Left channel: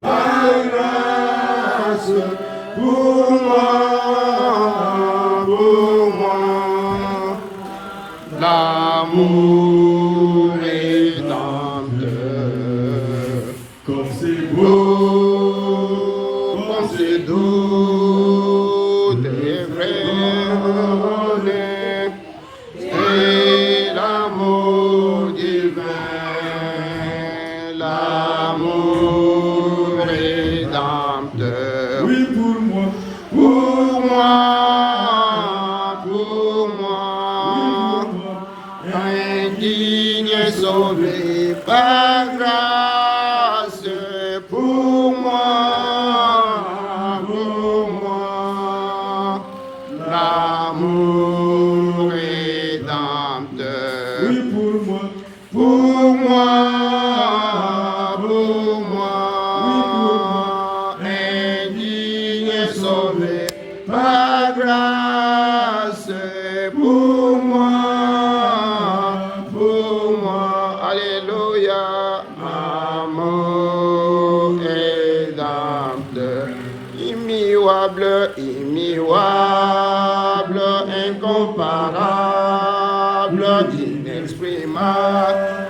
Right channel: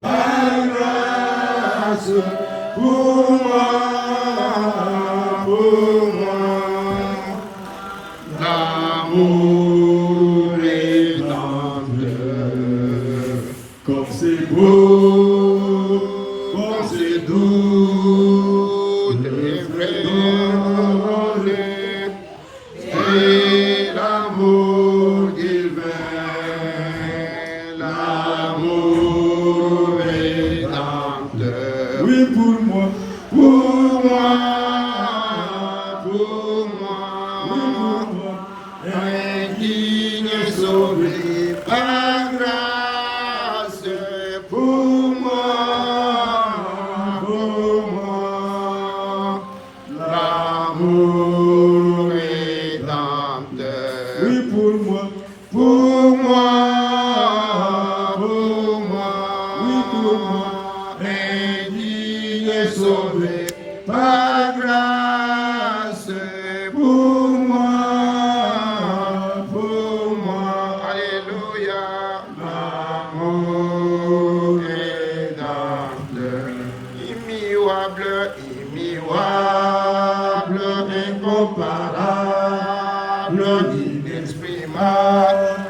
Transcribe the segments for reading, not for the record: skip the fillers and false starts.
par grâce, pour moi, l'amour rédempteur, comme c'est beau, comme c'est doux, des vrais, et l'amour divin, l'amour rédempteur. Oui, pour moi, pour moi, pour moi, indigne sauvé par grâce, pour moi, l'amour rédempteur. Oui, pour moi, pour moi, oui, pour moi, indigne sauvé par grâce, pour moi, alléluia, l'amour rédempteur, immuable, immuable, incomparable, inexprimable.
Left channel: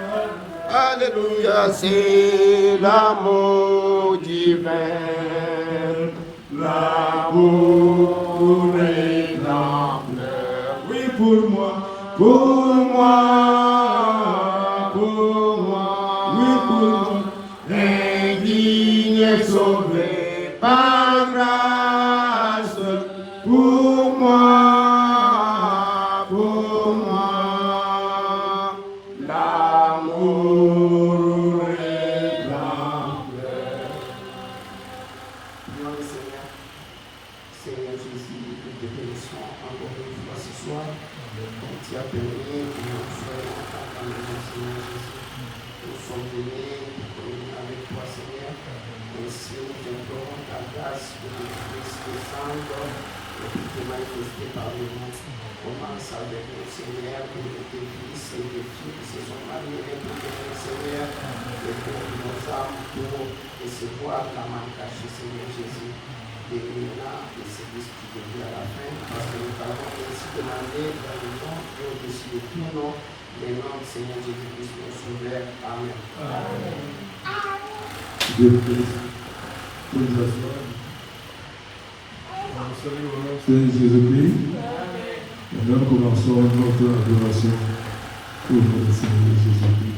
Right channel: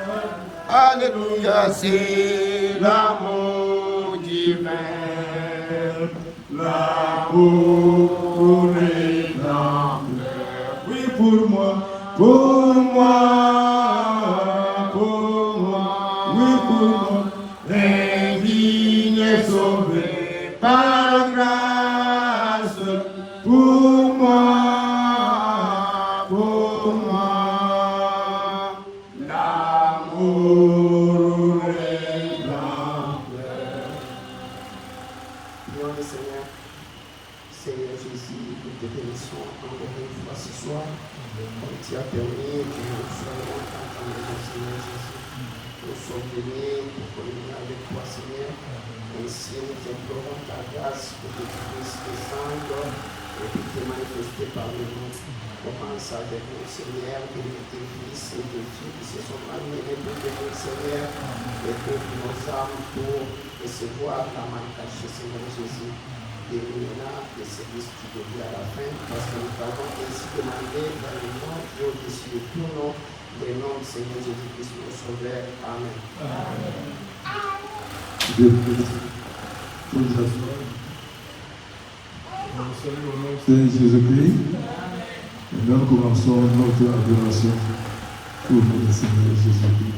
Alléluia, c'est l'amour divin, l'amour rédempteur. Oui, pour moi, oui, pour moi, indigne sauvé par grâce, pour moi, l'amour rédempteur. Prions le Seigneur. Seigneur Jésus, nous te bénissons encore une fois ce soir, comme tu as permis que nous soyons en tant que maison, Seigneur Jésus. Nous sommes venus pour communier avec toi, Seigneur. Ainsi, nous t'implorons ta grâce pour que tu puisses descendre et pour te manifester par nous. Commence avec nous, Seigneur, pour tes fils et tes filles qui se sont mariés pour venir, Seigneur, et pour nos âmes, pour recevoir la main cachée, Seigneur Jésus. Bénis-nous et service qui devient à la fin, parce que nous avons ainsi demandé dans le nom et au-dessus de tout nom, le nom du Seigneur Jésus-Christ, notre Sauveur. Amen. Dieu vous bénisse. Pour les assurer. On salue au nom de Jésus-Christ. Et nous commençons notre adoration pour le Seigneur Jésus-Christ.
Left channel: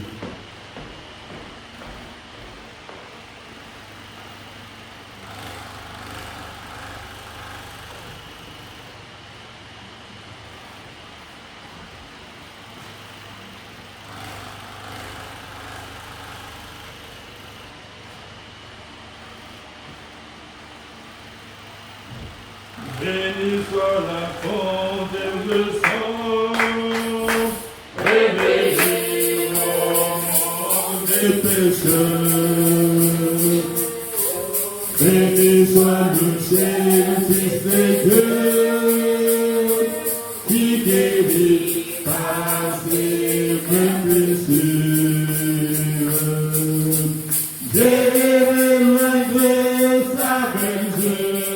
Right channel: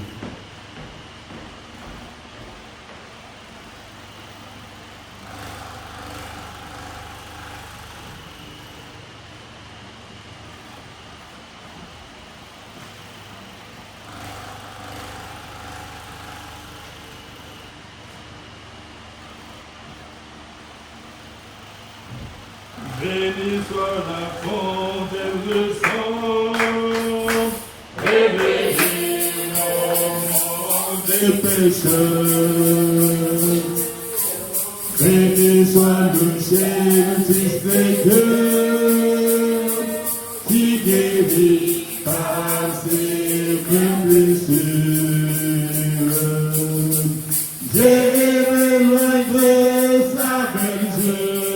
Béni soit la fondeur de sang, et béni mon monde des pécheurs. Béni soit le Seigneur, Fils de Dieu, qui guérit par ses blessures. J'ai loin de sa bergerie.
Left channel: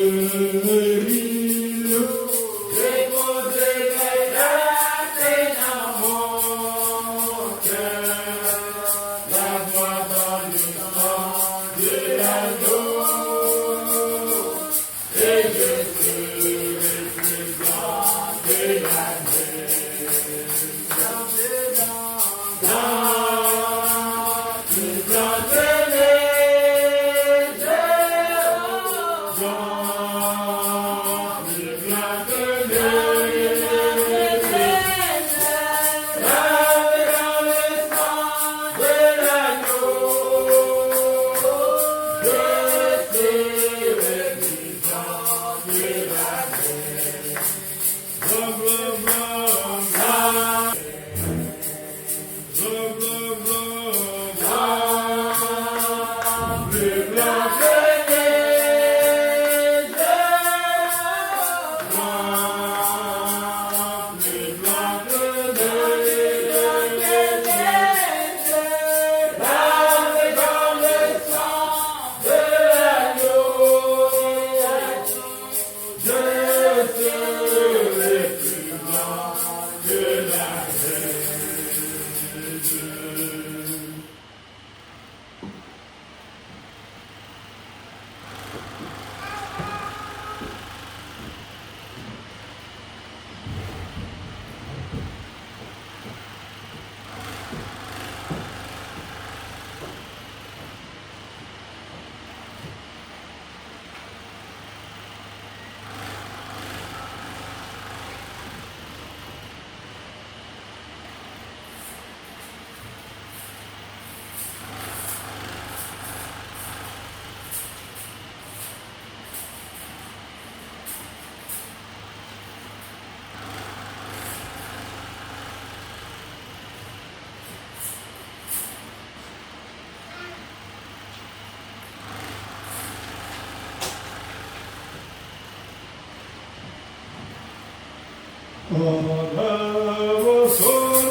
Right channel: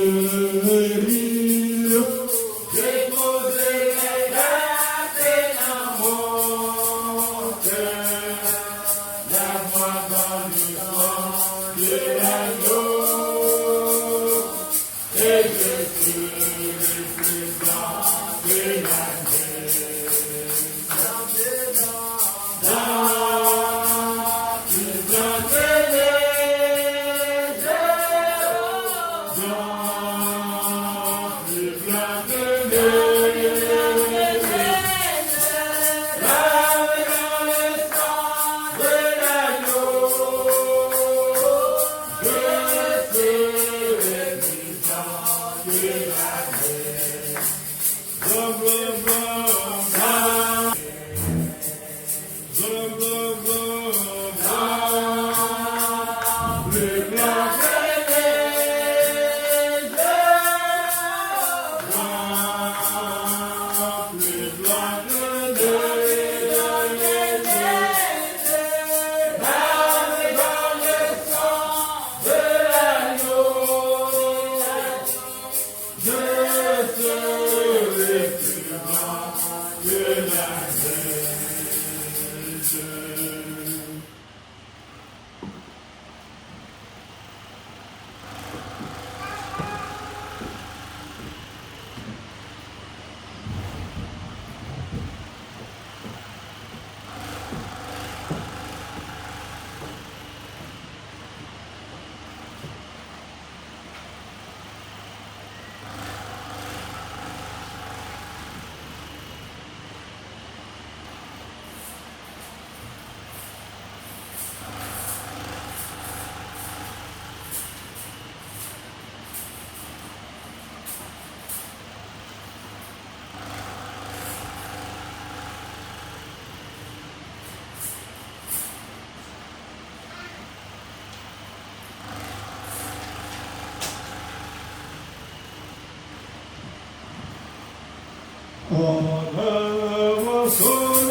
Honneur sur le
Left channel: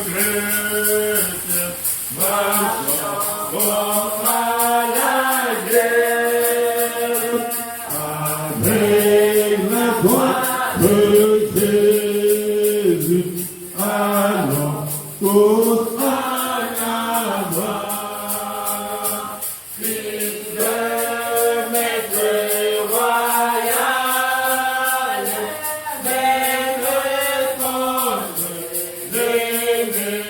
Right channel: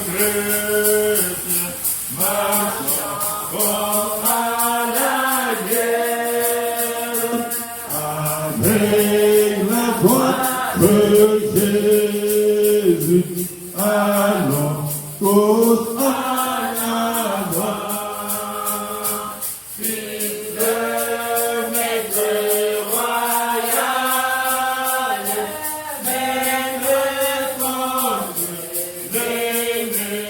chrétien, marchons à la guerre, avec la croix de Jésus, allons tous en avant. Fils de maître royal, même contre l'ennemi,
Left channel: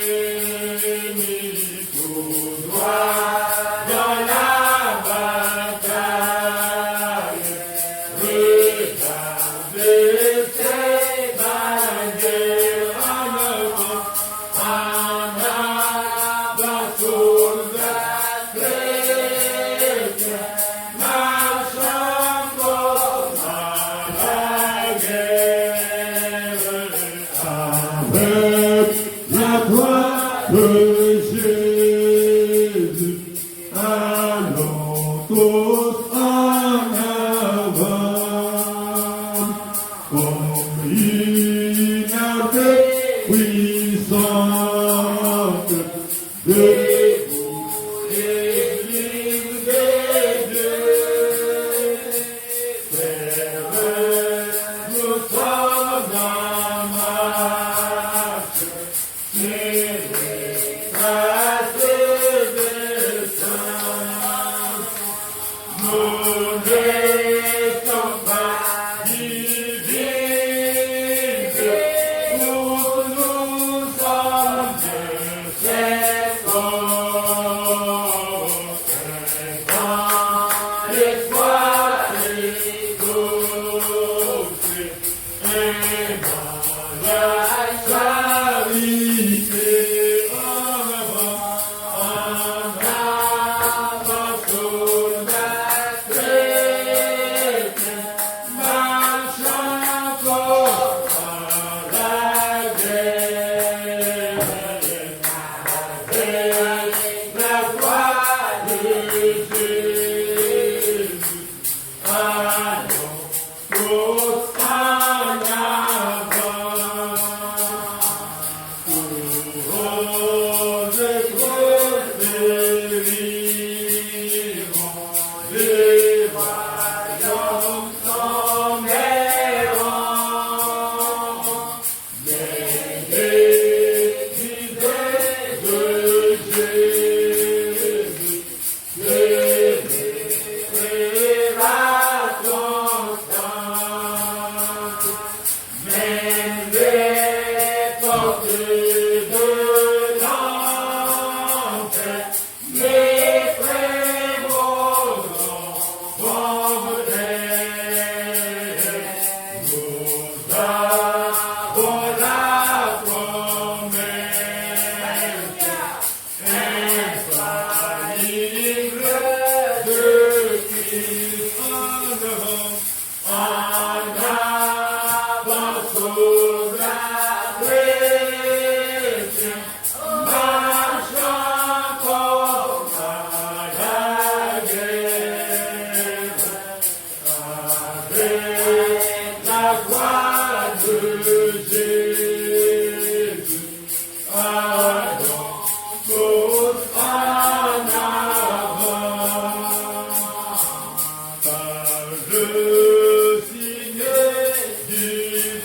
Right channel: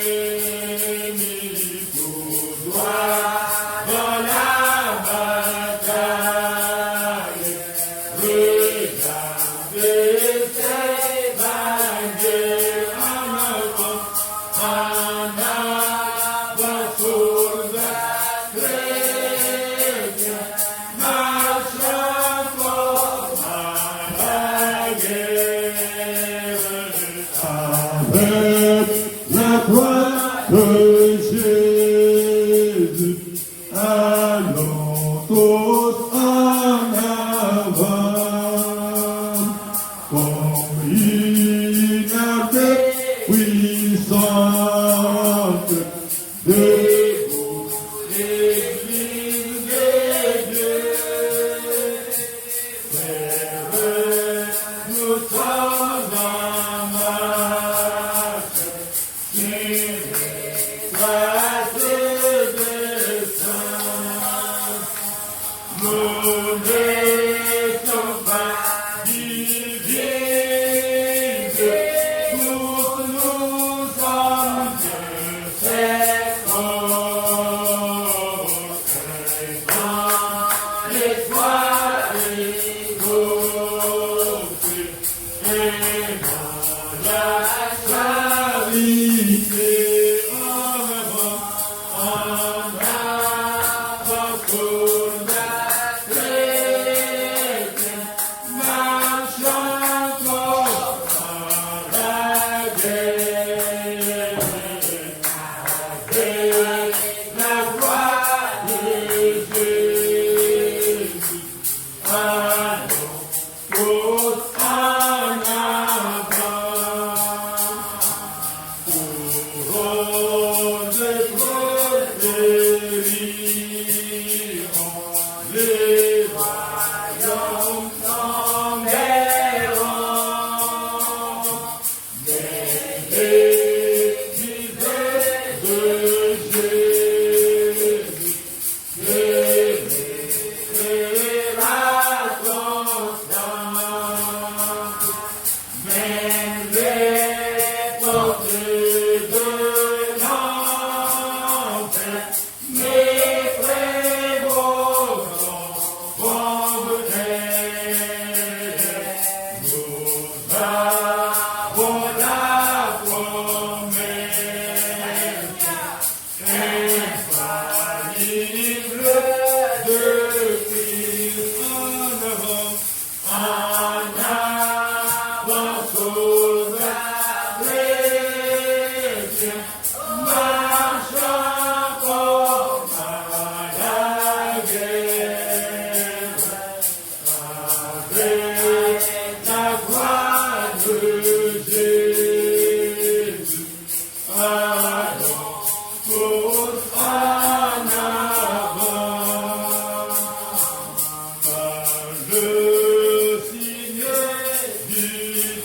tout droit dans la bataille. Regardez ces bannières en avant, soldats chrétiens, marchant fort à la guerre. Avec la croix de Jésus, allons tous en avant, comme une armée puissante, debout, Église de Dieu. Frères, nous sommes en marche, sur les traces des saints. Nous ne sommes pas divisés, tous nous sommes de ces corps. L'étoile égauchée et dans la charité en avant, soldats chrétiens, marchant fort à la guerre. Avec la croix de Jésus, allons tous en avant. Couronne de prospériment, les royaumes s'emmêleront. L'Église de Jésus, demeurera constante. Même les portes de l'enfer, les prévôts vont venir. Nous avons la promesse infaillible de Christ en avant, soldats chrétiens, marchant fort à la guerre. Avec la croix de Jésus, allons tous en avant. Par le signe du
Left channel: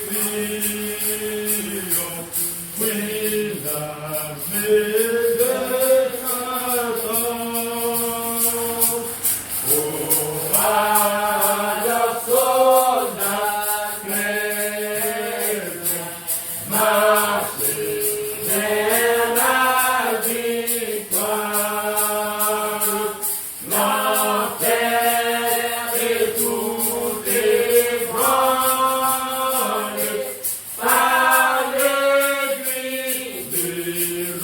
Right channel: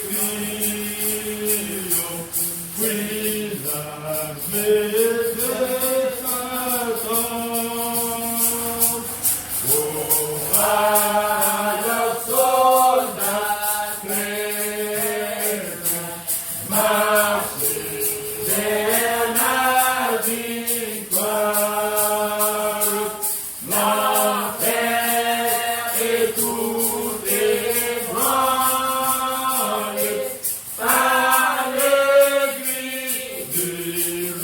triomphe, oui, l'armée de Satan. Alors, soldats chrétiens, marchez vers la victoire. L'enfer et tout ébranlé par l'église de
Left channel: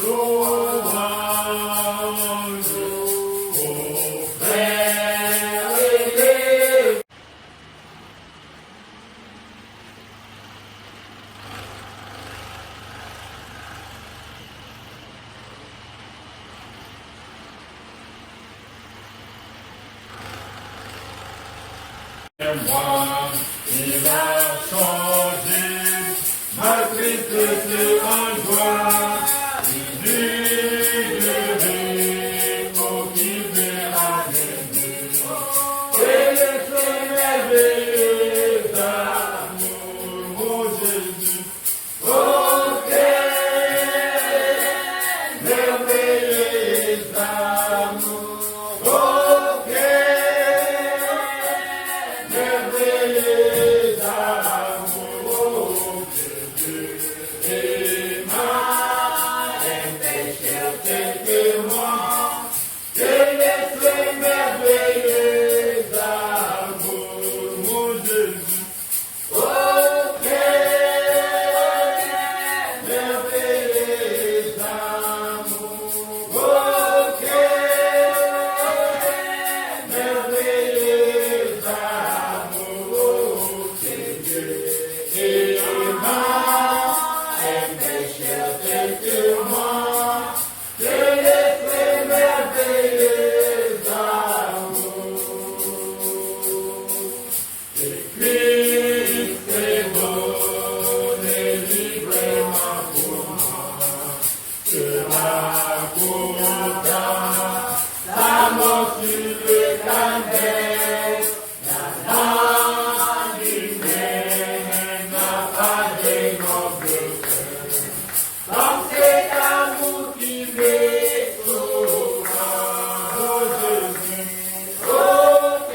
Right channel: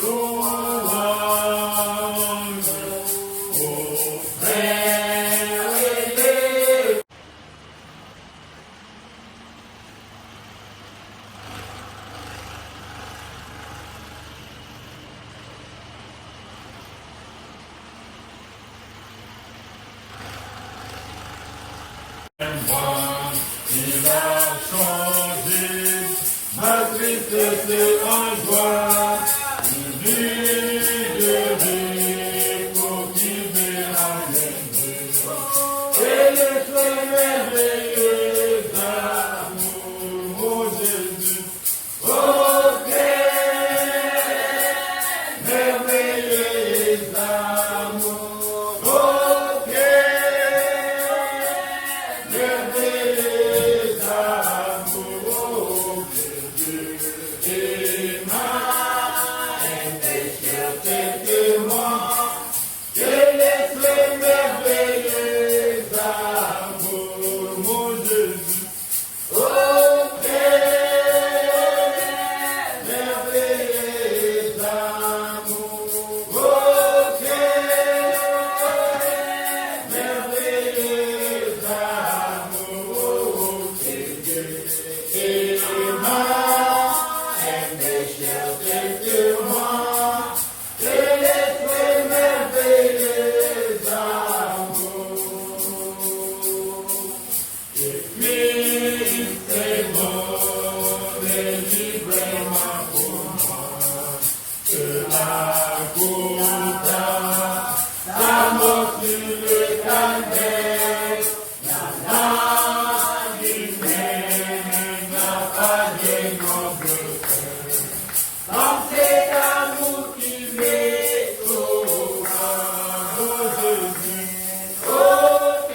louange. Aux frères aimés, il a changé c'est en joie, vivre pour vivre avec nous. Et le feu merveilleux d'amour, mon Jésus, ok, merveilleux d'amour, ok, merveilleux d'amour, et ma péché témoin, que les feux merveilleux d'amour, mon Jésus, ok, merveilleux d'amour, ok, merveilleux d'amour, et ma péché témoin, que les feux merveilleux d'amour. Et Christ est donné librement pour moi, cela coûta la mort sur le calvaire, la mort humaine n'a pas de noble cœur, comme cet amour qui m'est sauva, mon Jésus, ok,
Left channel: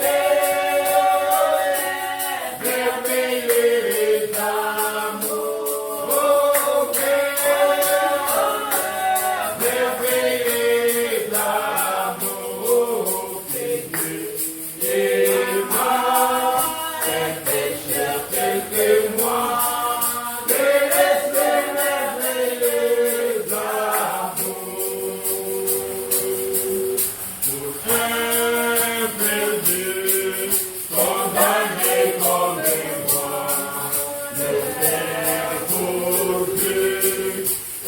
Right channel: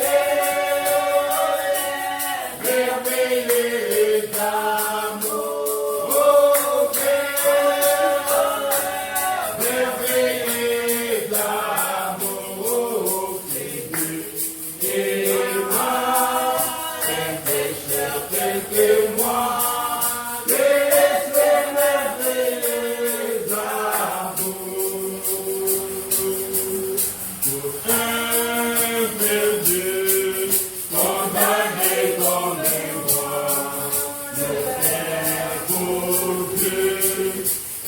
merveilleux d'amour, ok, merveilleux d'amour, c'est Dieu et moi, un pécheur tel que moi, que les feux merveilleux d'amour. Pour un Dieu condamné comme les rois, le Père pour Dieu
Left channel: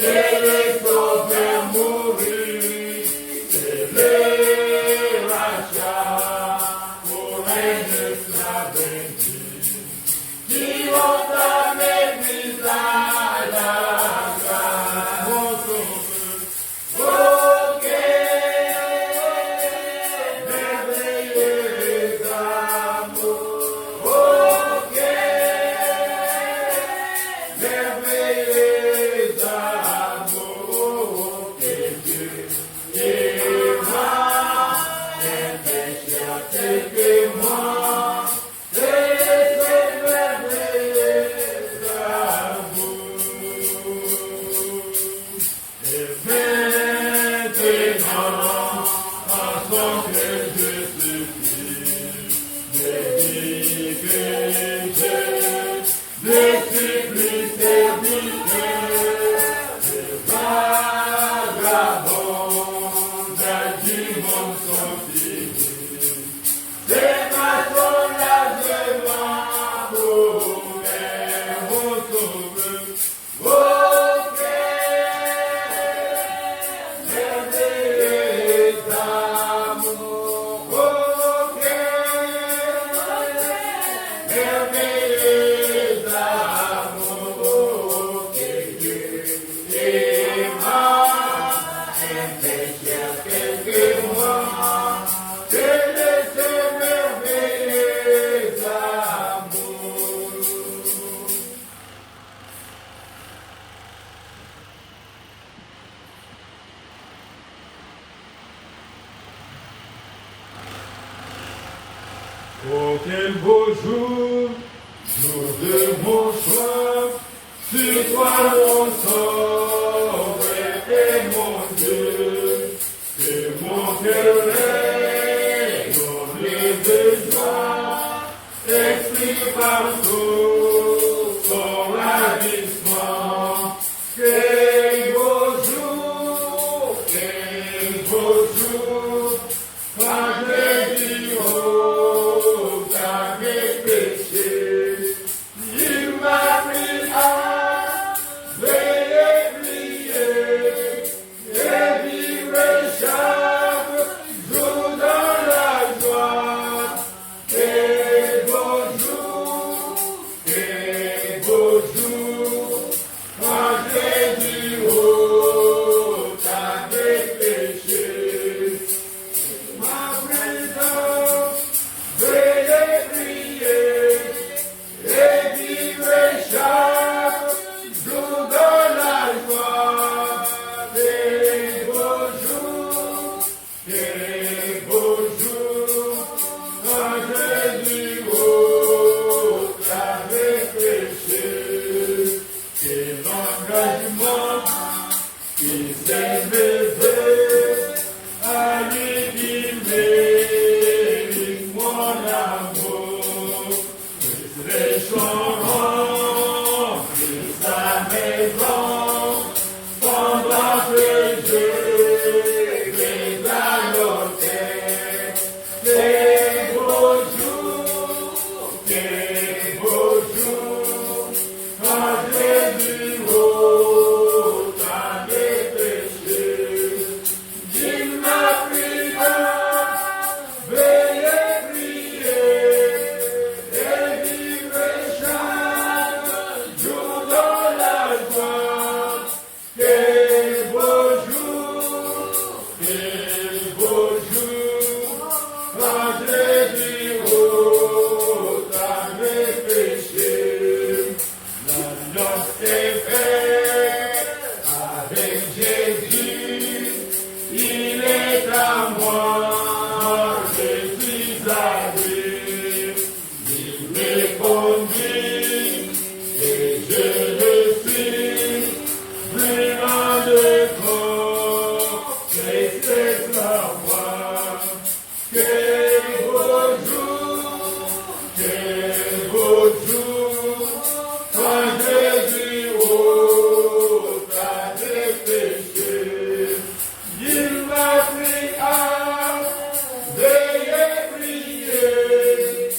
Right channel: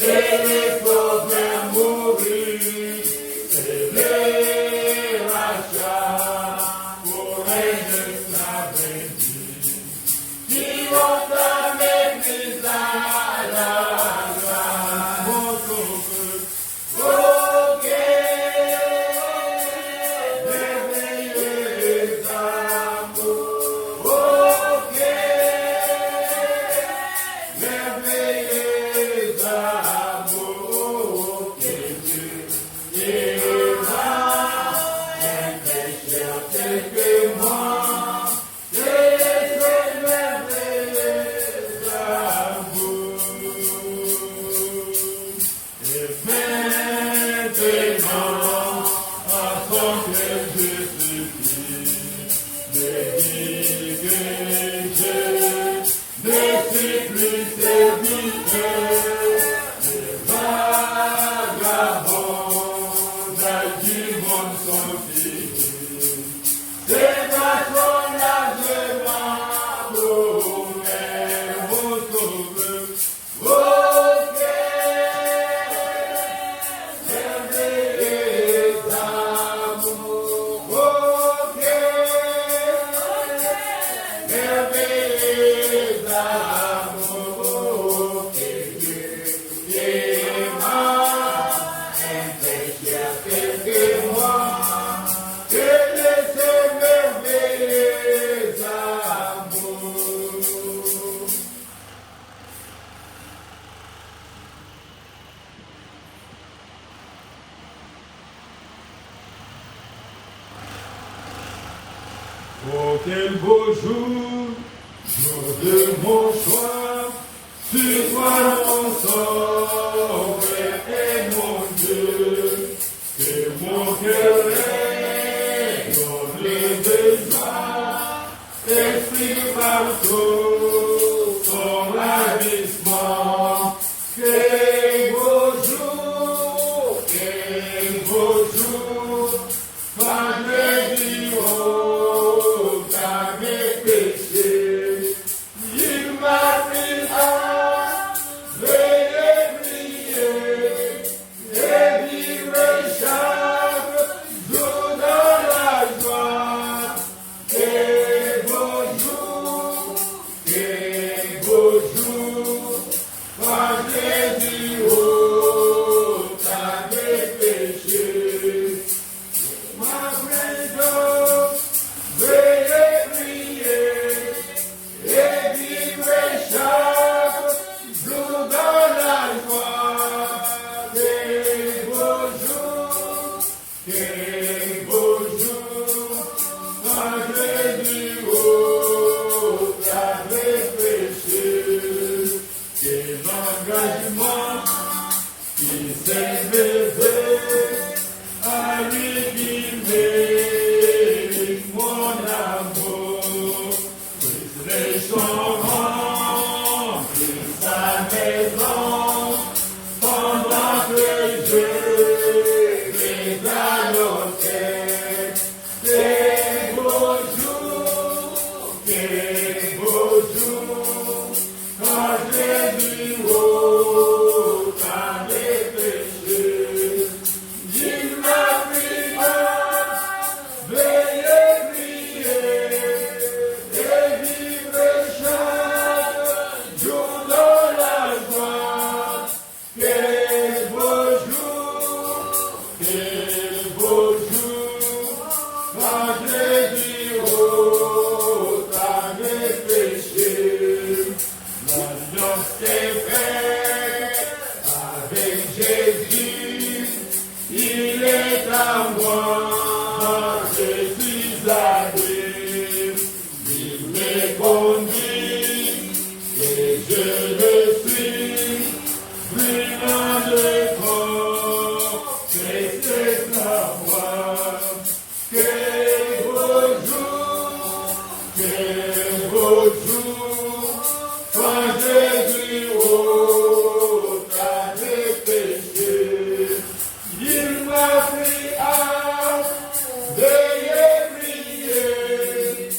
et les pauvres mourir, c'est le rachat pour un esclave vaincu, qui ont mis à la grâce, mon sauveur, ok, merveilleux d'amour, ok, merveilleux d'amour, que Dieu aima un pécheur tel que moi, que les feux merveilleux d'amour. Et maintenant, afin que je supplie, me dis que je ne suis plus serviteur, le vagabond du monde sans fini. C'est ta soulagement pour mon sauveur, ok, merveilleux d'amour, ok, merveilleux d'amour, que Dieu aima un pécheur tel que moi, que le feu merveilleux d'amour. Oh, quel beau jour, jour de mon choix, sur toi mon sauveur et mon Dieu, que mon cœur rayonne de joie, exprime partout son ravissement. Quel beau jour, par les jours, par mes péchés, il m'a pris à veiller, prier, et vivre chaque jour dans la joie. Quel beau jour, engagement qui s'est levé à lui qui mérite mon amour. Puis les chanteront, puis sa maison, pendant que je vais gagnoter. Quel beau jour, quel beau jour, quand j'ai vu haut à mes péchés. Il m'a pris à veiller, prier, et vivre chaque jour dans la joie. Quel beau jour, quand j'ai vu haut à mes péchés. L'alliance est faite avec Jésus, il est à moi, je suis à lui. Il me conduit et je le suis, brûlant de corps, c'est la voix. Quel beau jour, quand Jésus ôte à mes péchés. Il m'a pris à veiller, prier,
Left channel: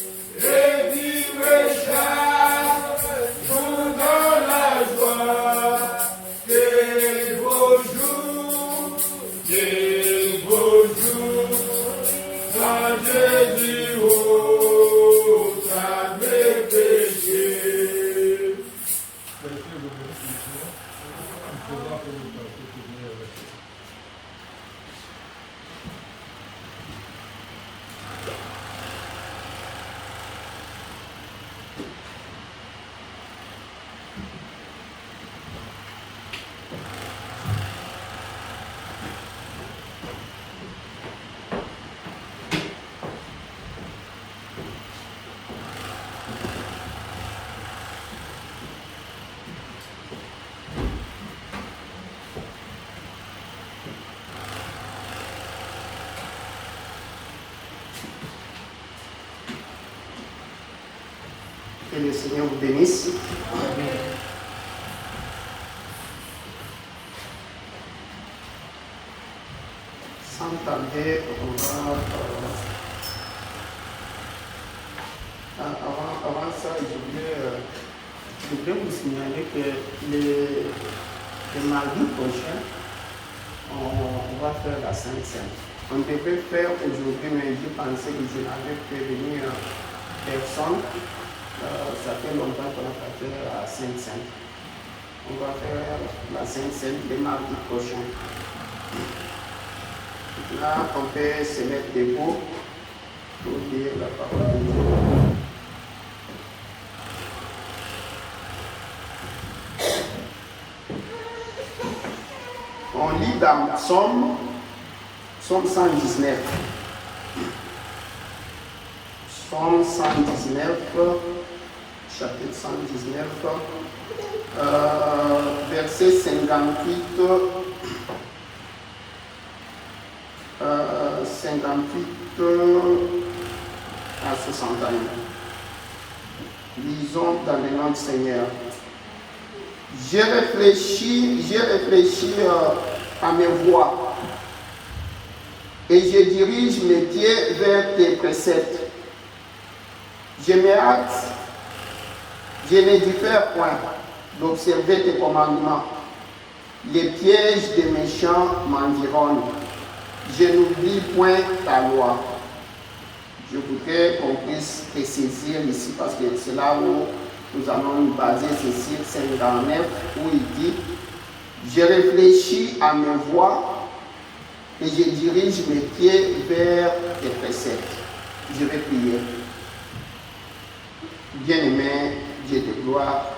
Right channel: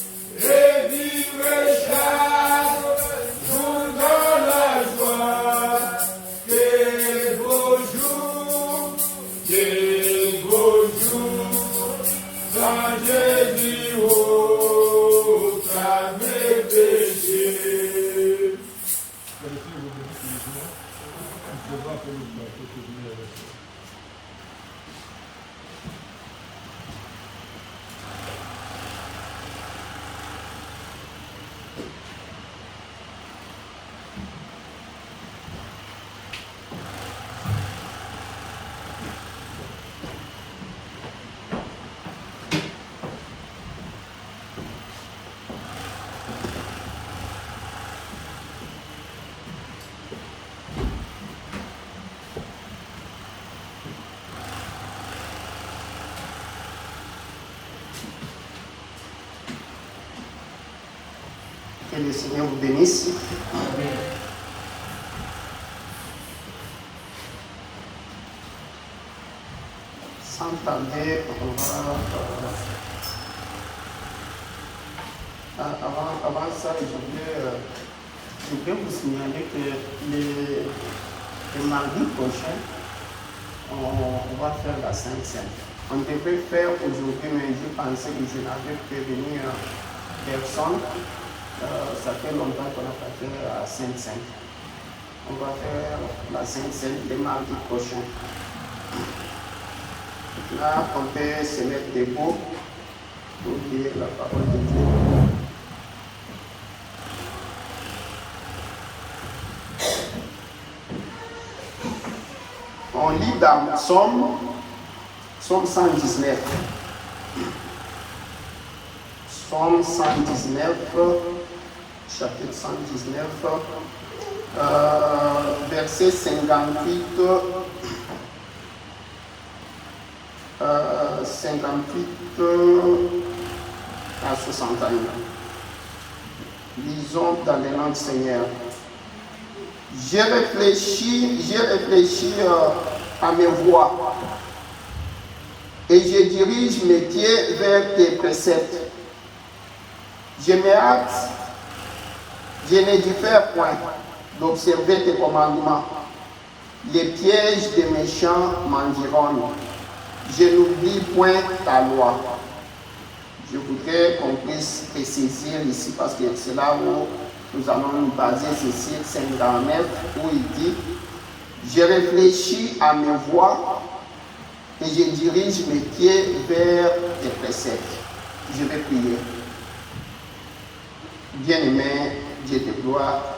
et vivre chaque jour dans la joie. Quel beau jour, quand Jésus ôte à mes péchés. Que le Seigneur vous bénisse. Sans tarder, on va... avant ça, je voulais vous signaler que le mardi prochain, on va faire la Sainte Seine. On devait faire aujourd'hui, mais je pensais que je n'avais prévenu personne. Ça fait longtemps qu'on n'a pas fait la Sainte Seine. On va faire la Sainte Seine le mardi prochain. Là, on peut se mettre debout pour dire la parole de Dieu. On lit dans Psaume 119. Psaume 119, chapitre 119, verset 58, 58 à 61. Lisons dans le nom du Seigneur. J'ai réfléchi à mes voies et je dirige mes pieds vers tes préceptes. Je me hâte, je ne diffère point d'observer tes commandements. Les pièges des méchants m'environnent. Je n'oublie point ta loi. Je voudrais qu'on puisse préciser ici parce que c'est là où nous allons nous baser ceci, 59, où il dit « Je réfléchis à mes voies et je dirige mes pieds vers tes préceptes. » Je vais prier. Bien-aimé, Dieu de gloire,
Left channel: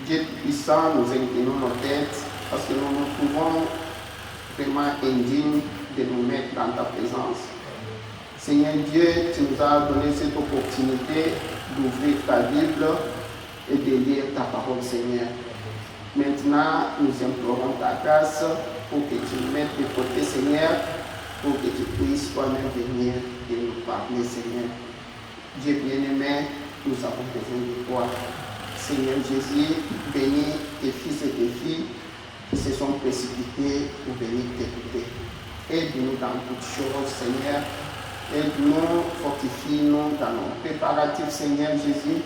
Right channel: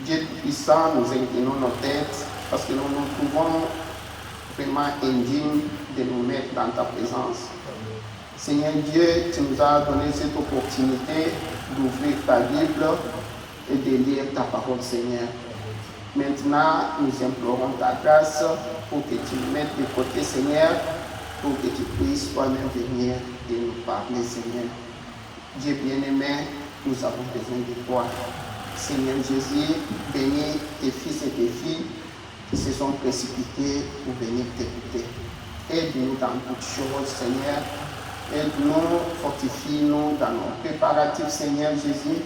Dieu puissant, nous inclinons nos têtes parce que nous nous trouvons vraiment indignes de nous mettre dans ta présence. Seigneur Dieu, tu nous as donné cette opportunité d'ouvrir ta Bible et de lire ta parole, Seigneur. Maintenant, nous implorons ta grâce pour que tu nous mettes de côté, Seigneur, pour que tu puisses toi-même venir et nous parler, Seigneur. Dieu bien-aimé, nous avons besoin de toi. Seigneur Jésus, bénis tes fils et tes filles qui se sont précipités pour venir t'écouter. Aide-nous dans toutes choses, Seigneur. Aide-nous, fortifie-nous dans nos préparatifs, Seigneur Jésus,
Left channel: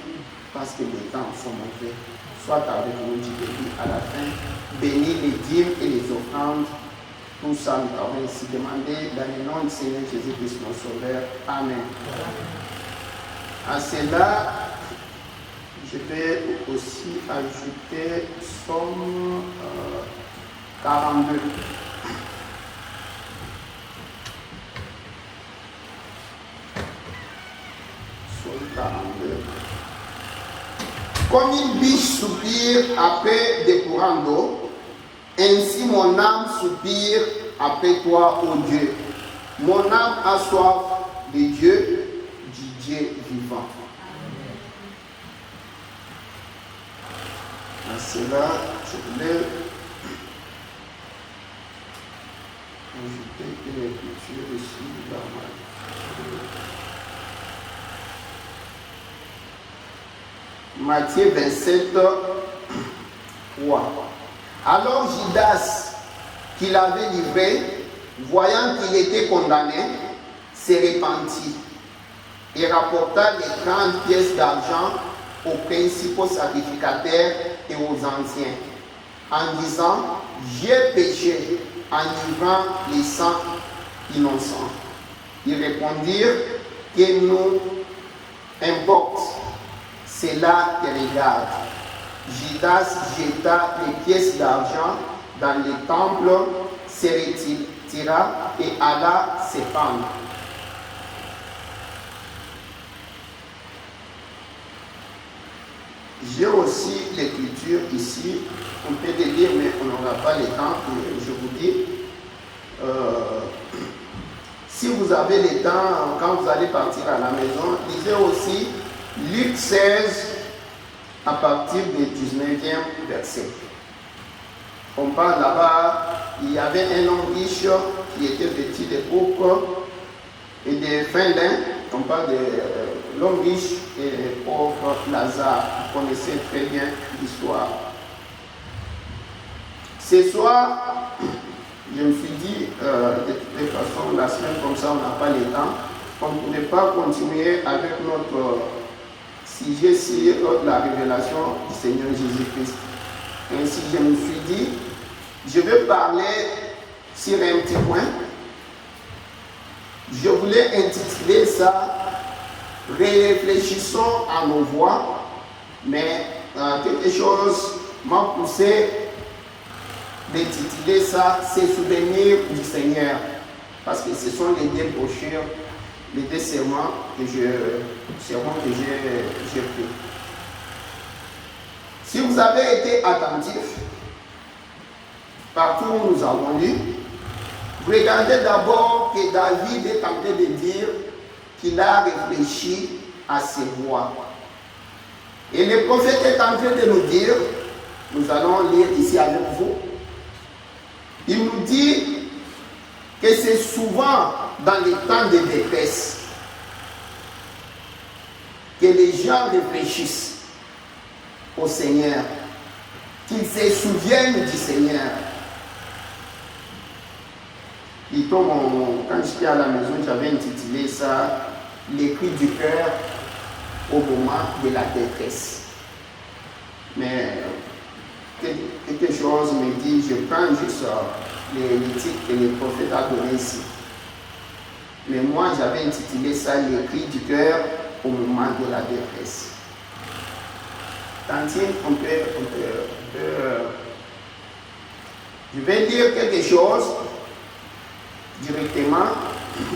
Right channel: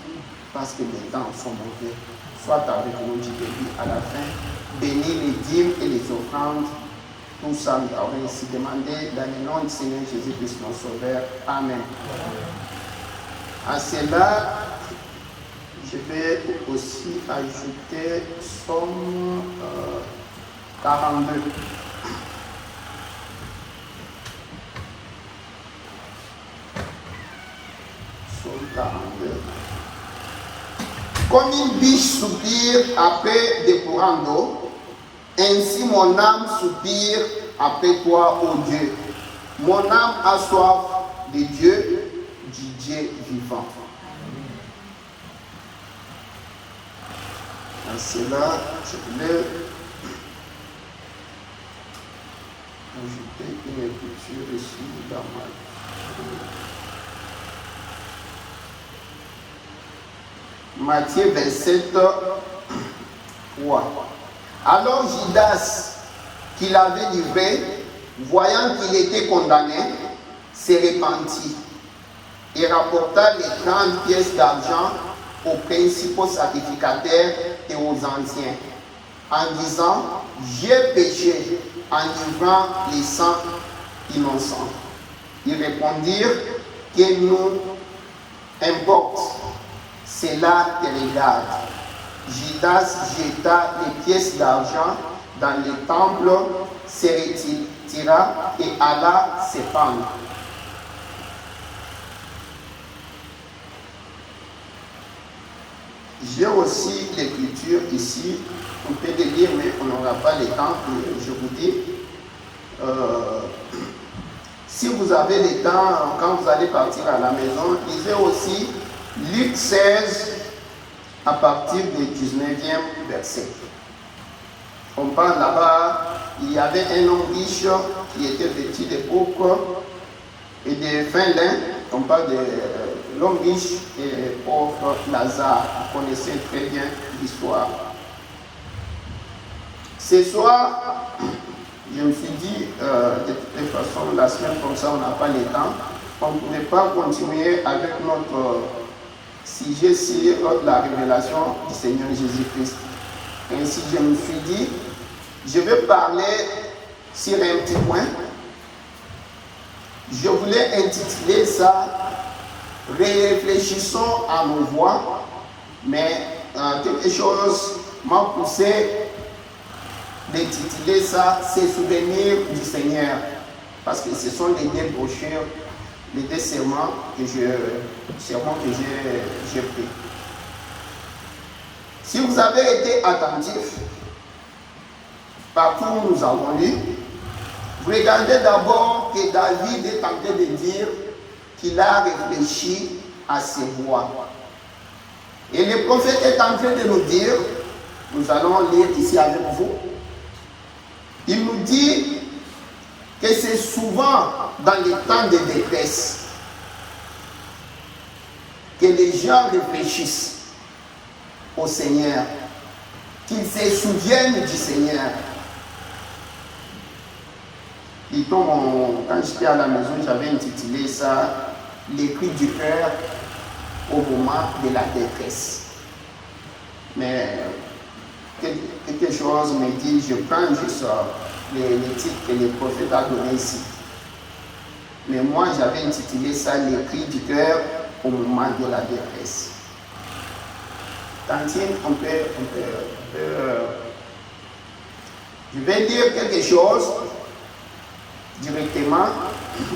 parce que les temps sont mauvais. Sois avec nous du début à la fin. Bénis les dîmes et les offrandes. Tout ça, nous avons ainsi demandé dans le nom du Seigneur Jésus-Christ, notre Sauveur. Amen. À cela, je vais aussi ajouter Somme 42. Somme 42. Comme une biche soupire après des courants d'eau, ainsi mon âme soupire après toi, ô Dieu. Mon âme a soif de Dieu, du Dieu vivant. À cela, je voulais ajouter une écriture ici dans ma Matthieu 27, 3. Alors Judas, qui l'avait livré, voyant qu'il était condamné, se repentit et rapporta les 30 pièces d'argent aux principaux sacrificateurs et aux anciens, en disant: j'ai péché en livrant les sangs innocents. Ils répondirent: que nous importe, cela te regarde. Judas jeta les pièces d'argent dans le temple, se retira et alla se pendre. J'ai aussi l'écriture ici, on peut le lire, mais on n'aura pas le temps, je vous dis. Si vous avez le temps, quand vous allez partir à la maison, lisez aussi Luc 16, à partir du 19e verset. On parle là-bas, il y avait un homme riche qui était vêtu de pourpre et de fin lin. On parle de l'homme riche et pauvre Lazare. Vous connaissez très bien l'histoire. Ce soir, je me suis dit, de toute façon, la semaine comme ça, on n'a pas le temps. On ne pouvait pas continuer avec notre sujet sur la révélation du Seigneur Jésus-Christ. Ainsi, je me suis dit, je vais parler sur un petit point. Je voulais intituler ça « Réfléchissons à nos voix », mais quelque chose m'a poussé d'intituler ça « Ces souvenirs du Seigneur », parce que ce sont les deux brochures, les deux sermons que j'ai pris. Si vous avez été attentif, partout où nous avons lu, vous regardez d'abord que David est en train de dire qu'il a réfléchi à ses voix. Et le prophète est en train de nous dire, nous allons lire ici avec vous, il nous dit que c'est souvent dans les temps de détresse que les gens réfléchissent au Seigneur, qu'ils se souviennent du Seigneur. Quand j'étais à la maison, j'avais intitulé ça « Les cris du cœur au moment de la détresse ». Mais quelque chose me dit, je prends juste les titres que le prophète a donné ici. Mais moi, j'avais intitulé ça « Les cris du cœur au moment de la détresse ». Tantine, je vais dire quelque chose directement,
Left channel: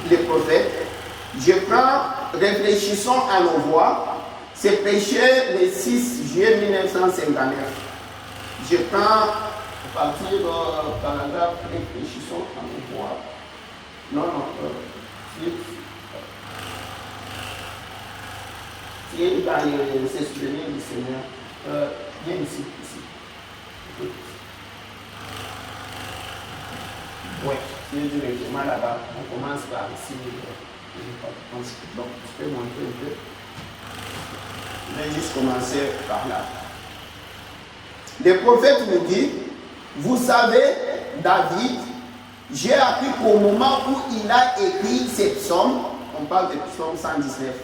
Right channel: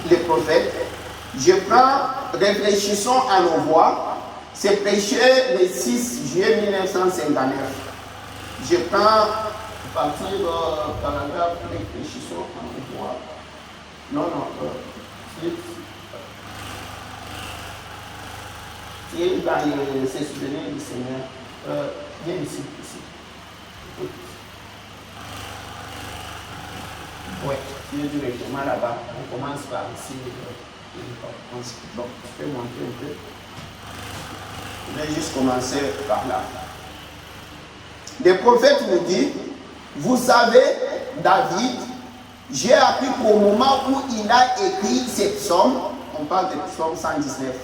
les prophètes. Je prends, réfléchissons à nos voix. C'est prêché le 6 juillet 1959. Je prends à partir du paragraphe, réfléchissons à nos voix. C'est dans ces souvenirs du Seigneur. Viens ici. Oui, tu es directement là-bas. On commence par ici. Donc, je peux montrer un peu. Je vais juste commencer par là. Le prophète nous dit, vous savez, David, j'ai appris qu'au moment où il a écrit cette psaume, on parle de psaume 119,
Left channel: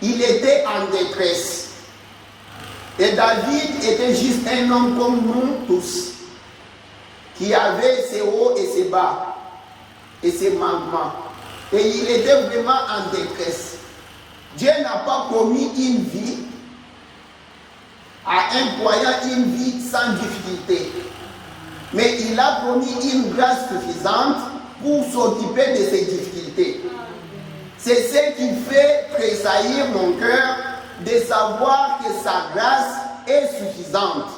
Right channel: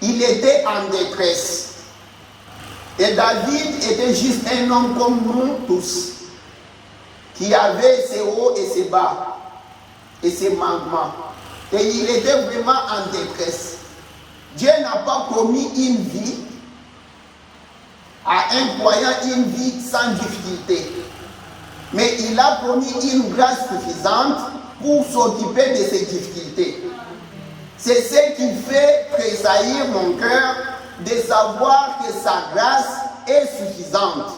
il était en détresse. Et David était juste un homme comme nous tous, qui avait ses hauts et ses bas, et ses manquements. Et il était vraiment en détresse. Dieu n'a pas promis une vie à un croyant, une vie sans difficulté. Mais il a promis une grâce suffisante pour s'occuper de ces difficultés. C'est ce qui fait tressaillir mon cœur de savoir que sa grâce est suffisante.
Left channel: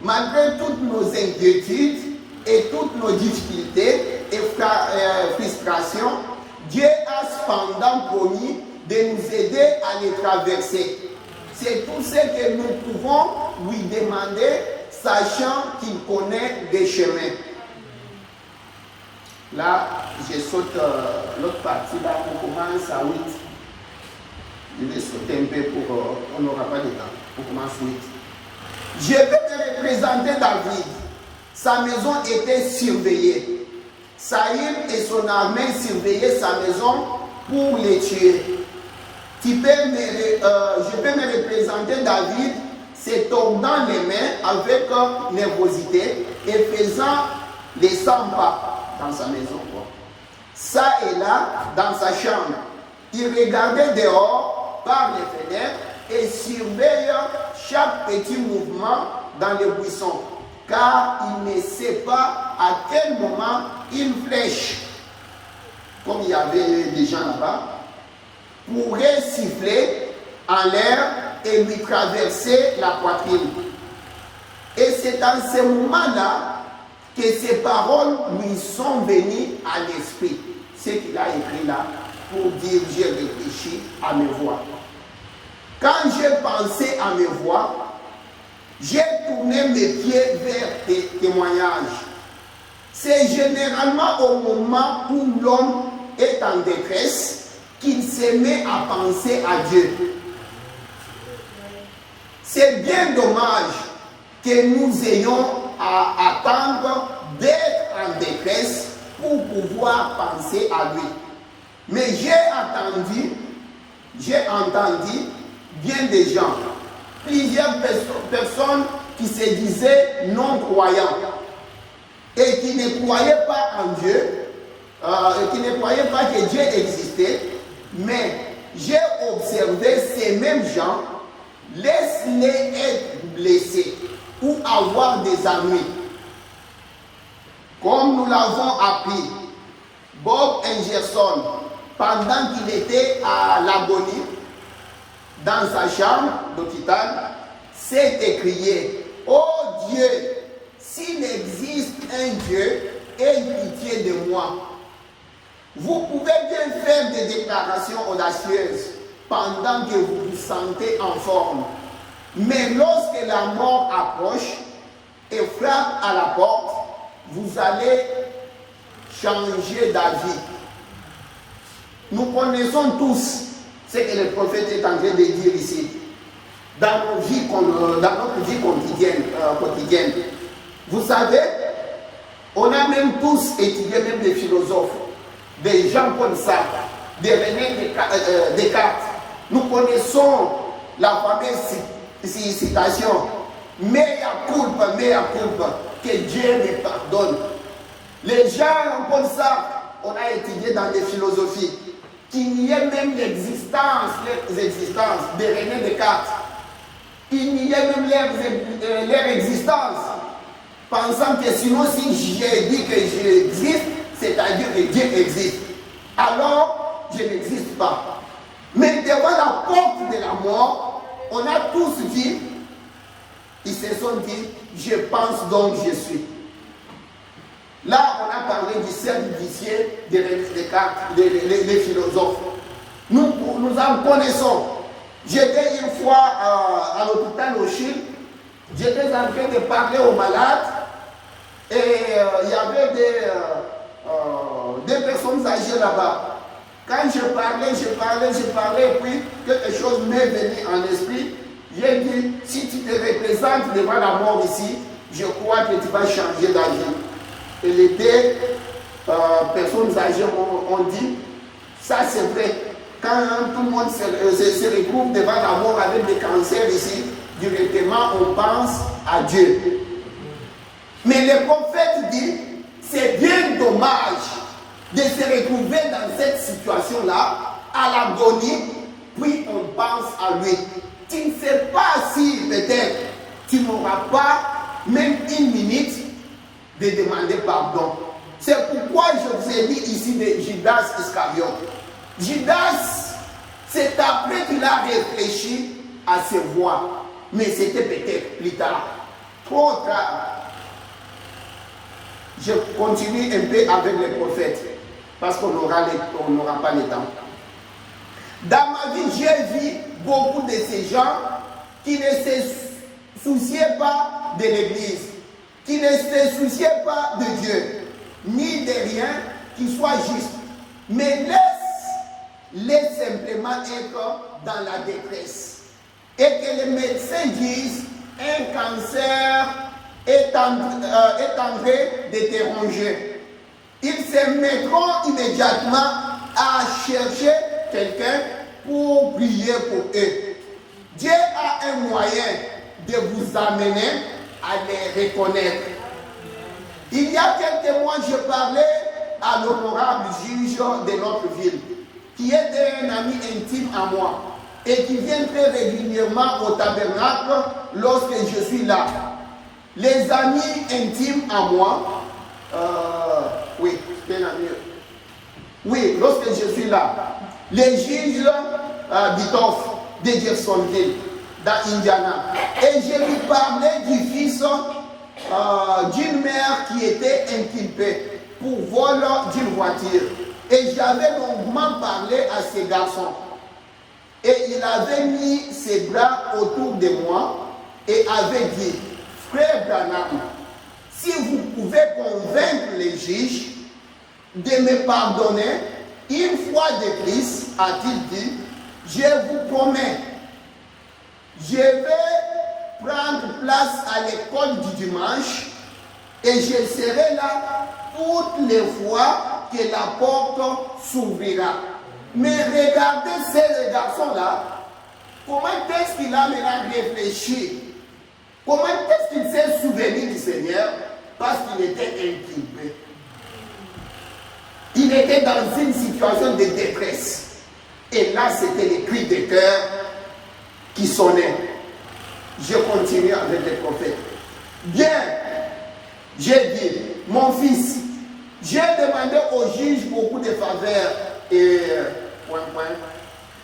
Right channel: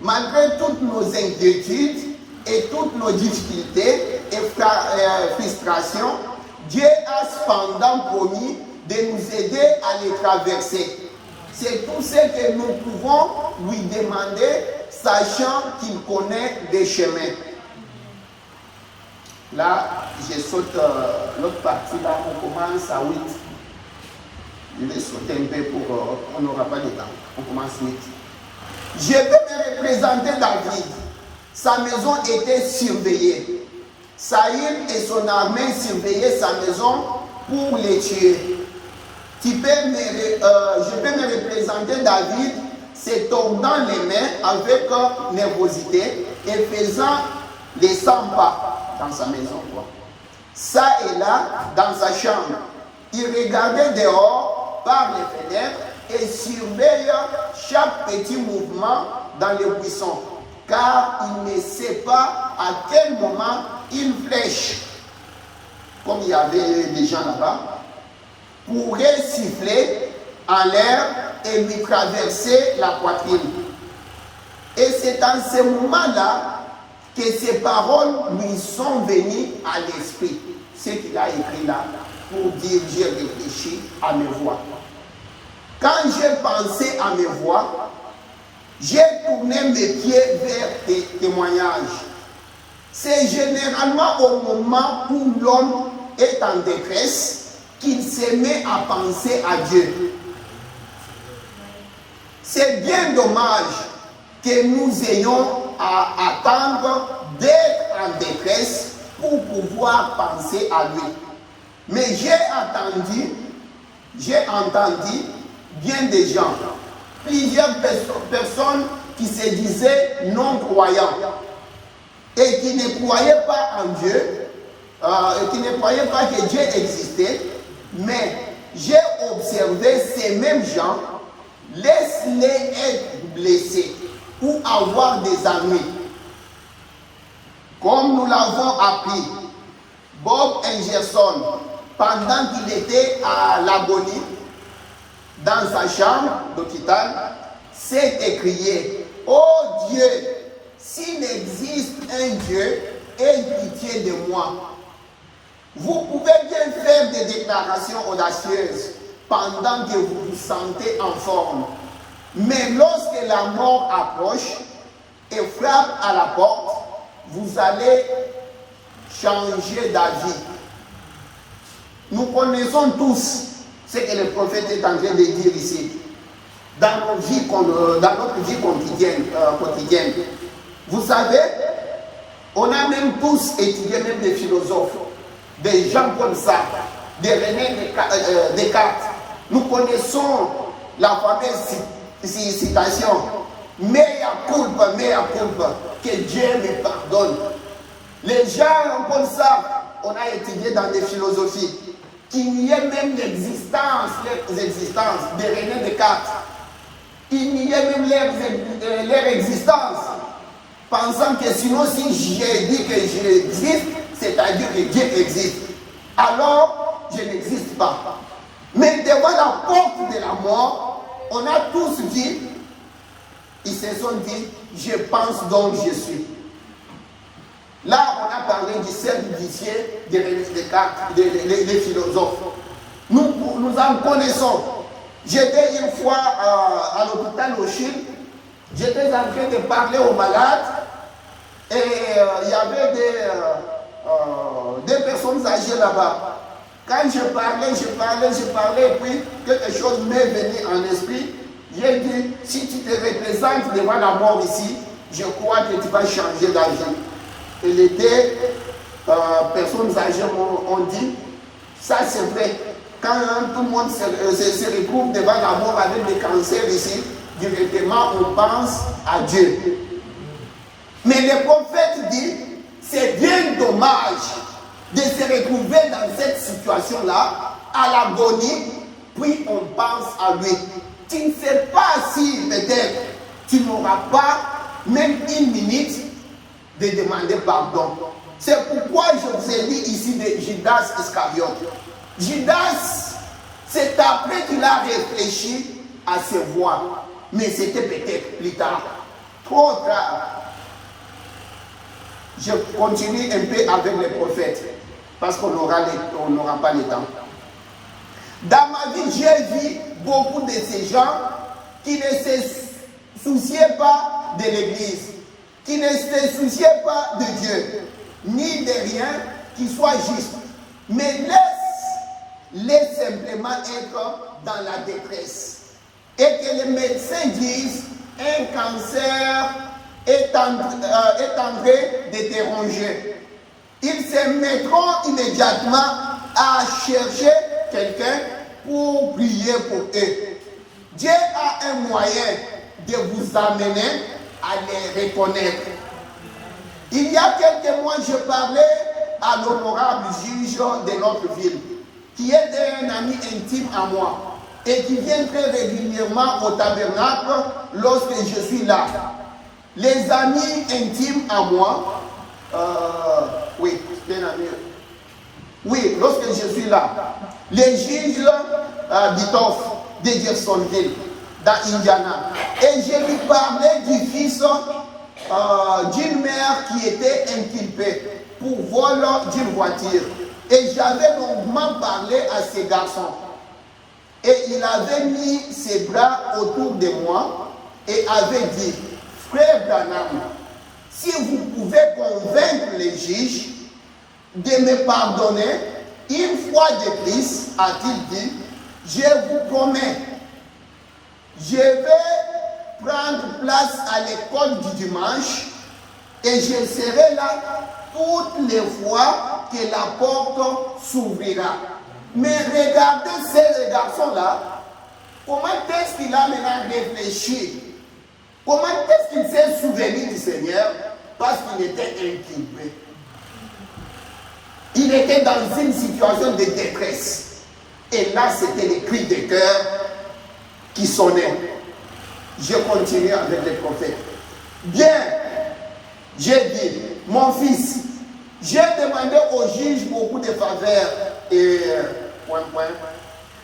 Malgré toutes nos inquiétudes et toutes nos difficultés et frustrations, Dieu a cependant promis de nous aider à les traverser. C'est tout ce que nous pouvons lui demander, sachant qu'il connaît des chemins. Là, je saute l'autre partie, là, on commence à 8. Je vais sauter un peu pour... on n'aura pas de temps. On commence 8. Je vais me représenter David. Sa maison était surveillée. Saül et son armée surveillaient sa maison pour les tuer. Je peux me représenter David se tordant les mains avec nervosité et faisant les 100 pas dans sa maison. Ça et là, dans sa chambre. Il regardait dehors par les fenêtres et surveille chaque petit mouvement dans les buissons, car il ne sait pas à quel moment une flèche, comme il y avait des gens là-bas, pourrait siffler en l'air et lui traverser la poitrine. Et c'est en ce moment-là que ces paroles lui sont venues à l'esprit. Ce qu'il a écrit là, pour dire j'ai réfléchi à mes voix. Quand j'ai pensé à mes voix, j'ai tourné mes pieds vers des témoignages. C'est généralement au moment où l'homme est en détresse qu'il se met à penser à Dieu. C'est bien dommage que nous ayons à attendre d'être en détresse pour pouvoir penser à lui. Mais j'ai entendu bien des gens, plusieurs personnes qui se disaient non-croyants et qui ne croyaient pas en Dieu, qui ne croyaient pas que Dieu existait, mais j'ai observé ces mêmes gens, laisse-les être blessés ou avoir des amis. Comme nous l'avons appris, Bob Henderson, pendant qu'il était à l'agonie, dans sa chambre d'hôpital, s'est écrié, « Oh Dieu, s'il existe un Dieu, aie pitié de moi. » Vous pouvez bien faire des déclarations audacieuses pendant que vous vous sentez en forme. Mais lorsque la mort approche et frappe à la porte, vous allez changer d'avis. Nous connaissons tous ce que le prophète est en train de dire ici. Dans notre vie quotidienne. Vous savez, on a même tous étudié, même des philosophes, des gens comme ça, des René Descartes. Nous connaissons la fameuse citation, mea culpa, que Dieu me pardonne. Les gens comme ça, on a étudié dans des philosophies, qu'il y ait même l'existence de René Descartes, il y ait même leur existence, pensant que sinon si j'ai dit que j'existe, c'est-à-dire que Dieu existe, alors je n'existe pas. Mais devant la porte de la mort, on a tous dit, ils se sont dit, je pense donc je suis. Là, on a parlé du cercle vicieux des philosophes. Nous en connaissons. J'étais une fois à l'hôpital au Chili J'étais en train de parler aux malades et il y avait des personnes âgées là-bas. Quand je parlais, et puis quelque chose m'est venu en esprit. J'ai dit, si tu te représentes devant la mort ici, je crois que tu vas changer d'avis. Et les deux personnes âgées ont dit, ça c'est vrai. Quand tout le monde se retrouve devant la mort avec des cancers ici, directement on pense à Dieu. Mais le prophète dit, c'est bien dommage de se retrouver dans cette situation-là, à l'agonie, puis on pense à lui. Tu ne sais pas si peut-être tu n'auras pas même une minute de demander pardon. C'est pourquoi je vous ai dit ici de Judas Iscariote. Judas, c'est après qu'il a réfléchi à ses voix, mais c'était peut-être plus tard, trop tard. Je continue un peu avec les prophètes, parce qu'on n'aura pas le temps. Dans ma vie, j'ai vu beaucoup de ces gens qui ne se souciaient pas de l'Église, qui ne se souciaient pas de Dieu, ni de rien qui soit juste, mais laisse simplement être dans la détresse. Et que les médecins disent, un cancer est en train de te ronger. Ils se mettront immédiatement à chercher quelqu'un pour prier pour eux. Dieu a un moyen de vous amener à les reconnaître. Il y a quelques mois, je parlais à l'honorable juge de notre ville, qui était un ami intime à moi et qui vient très régulièrement au tabernacle lorsque je suis là. Les amis intimes à moi, oui, c'est un ami. Oui, lorsque je suis là, les juges d'Itoff, de Jeffersonville, dans Indiana, et je lui parlais du fils d'une mère qui était inculpée pour vol d'une voiture. Et j'avais longuement parlé à ces garçons. Et il avait mis ses bras autour de moi et avait dit, frère Branham, si vous pouvez convaincre les juges de me pardonner, une fois de plus, a-t-il dit, je vous promets, je vais prendre place à l'école du dimanche et je serai là toutes les fois que la porte s'ouvrira. Mais regardez ces garçons-là, comment est-ce qu'il a maintenant réfléchi? Comment est-ce qu'il s'est souvenu du Seigneur? Parce qu'il était inculpé. Il était dans une situation de détresse. Et là, c'était les cris de cœur qui sonnaient. Je continue avec les prophètes. Bien, j'ai dit, mon fils, j'ai demandé au juge beaucoup de faveurs et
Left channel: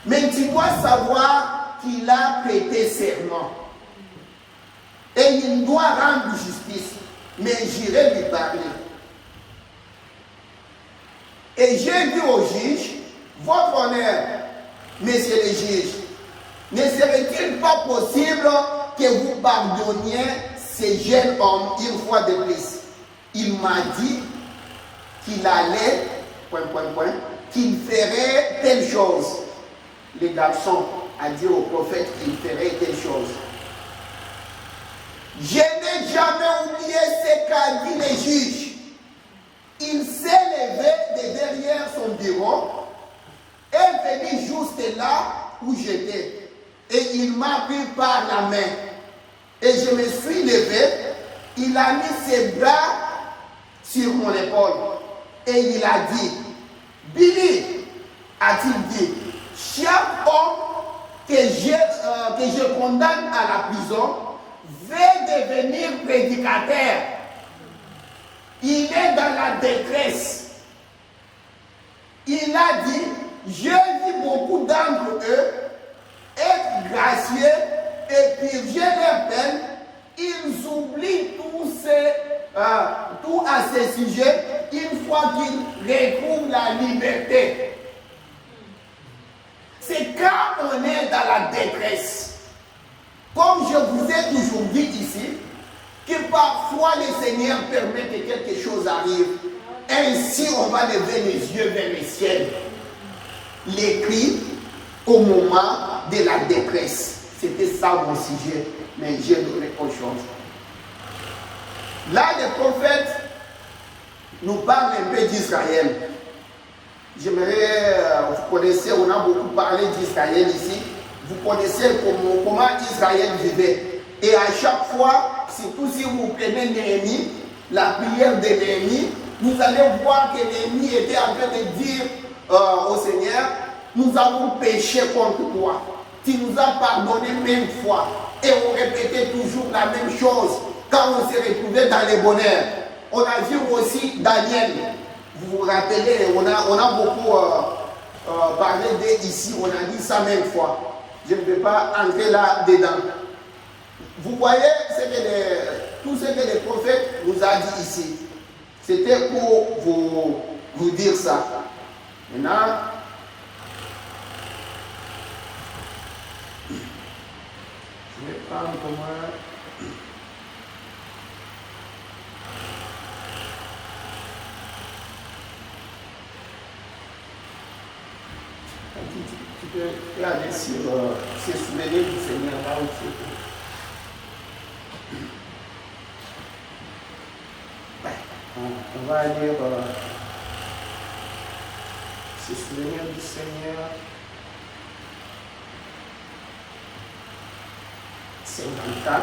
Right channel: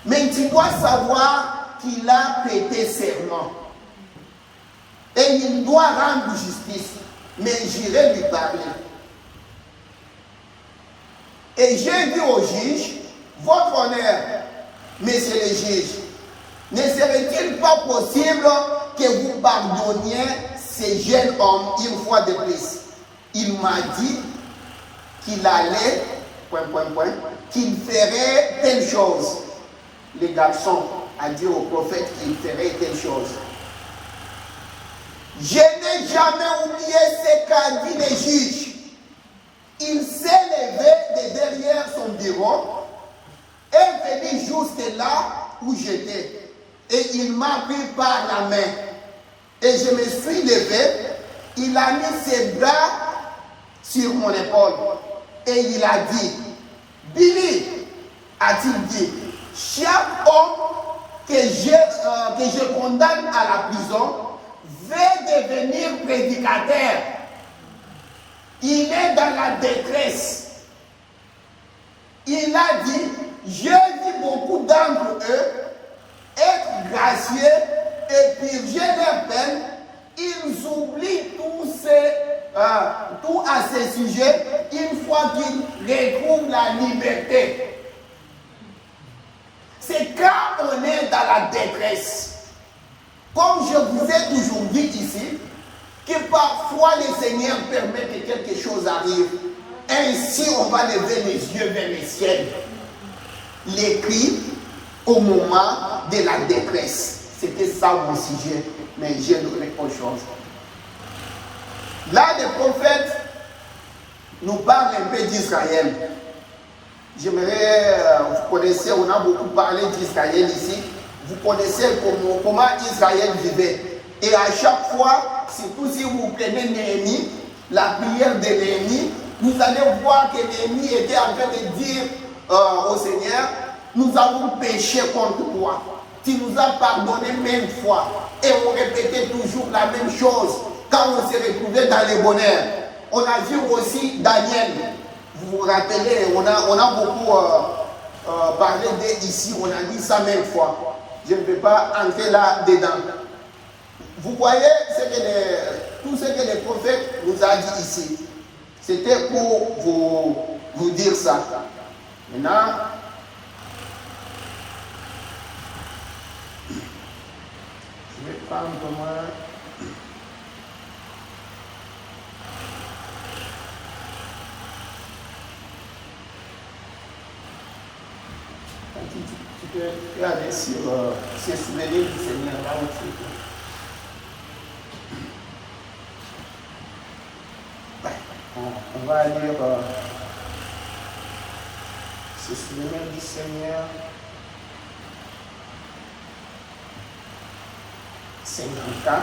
mais tu dois savoir qu'il a prêté serment. Et il doit rendre justice. Mais j'irai lui parler. Et j'ai dit au juge, votre honneur, messieurs les juges, ne serait-il pas possible que vous pardonniez ces jeunes hommes une fois de plus? Il m'a dit qu'il allait, qu'il ferait telle chose. Le garçon a dit au prophète qu'il ferait telle chose. Je n'ai jamais oublié ce qu'a dit le juge. Il s'est levé de derrière son bureau et venu juste là où j'étais. Et il m'a pris par la main. Et je me suis levé. Il a mis ses bras sur mon épaule. Et il a dit, Billy, a-t-il dit, chaque homme que je condamne à la prison veut devenir prédicateur. Il est dans la détresse. Il a dit, j'ai vu beaucoup d'entre eux être gracieux et purger leur peine. Ils oublient tout à ces sujets une fois qu'ils retrouvent la liberté. C'est quand on est dans la détresse Comme je vous ai toujours dit ici, que parfois le Seigneur permet que quelque chose arrive. Ainsi, on va lever les yeux vers le ciel. Les cris au moment de la détresse. C'était ça mon sujet, mais j'ai donné autre chose. Là, le prophète nous parle un peu d'Israël. J'aimerais, vous connaissez, on a beaucoup parlé d'Israël ici. Vous connaissez comment Israël vivait. Et à chaque fois, surtout si vous prenez Néhémie, la prière de Néhémie, vous allez voir que Néhémie était en train de dire au Seigneur, nous avons péché contre toi. Tu nous as pardonné même fois. Et on répétait toujours la même chose quand on s'est retrouvé dans les bonheurs. On a vu aussi Daniel. Vous vous rappelez, on a beaucoup parlé d'ici, on a dit ça même fois. Je ne vais pas entrer là-dedans. Vous voyez tout ce que le prophète nous a dit ici. C'était pour vous dire ça. Maintenant, je vais prendre moi. Tu peux aller sur ces souvenirs du Seigneur là aussi. On va lire ces souvenirs du Seigneur. 54.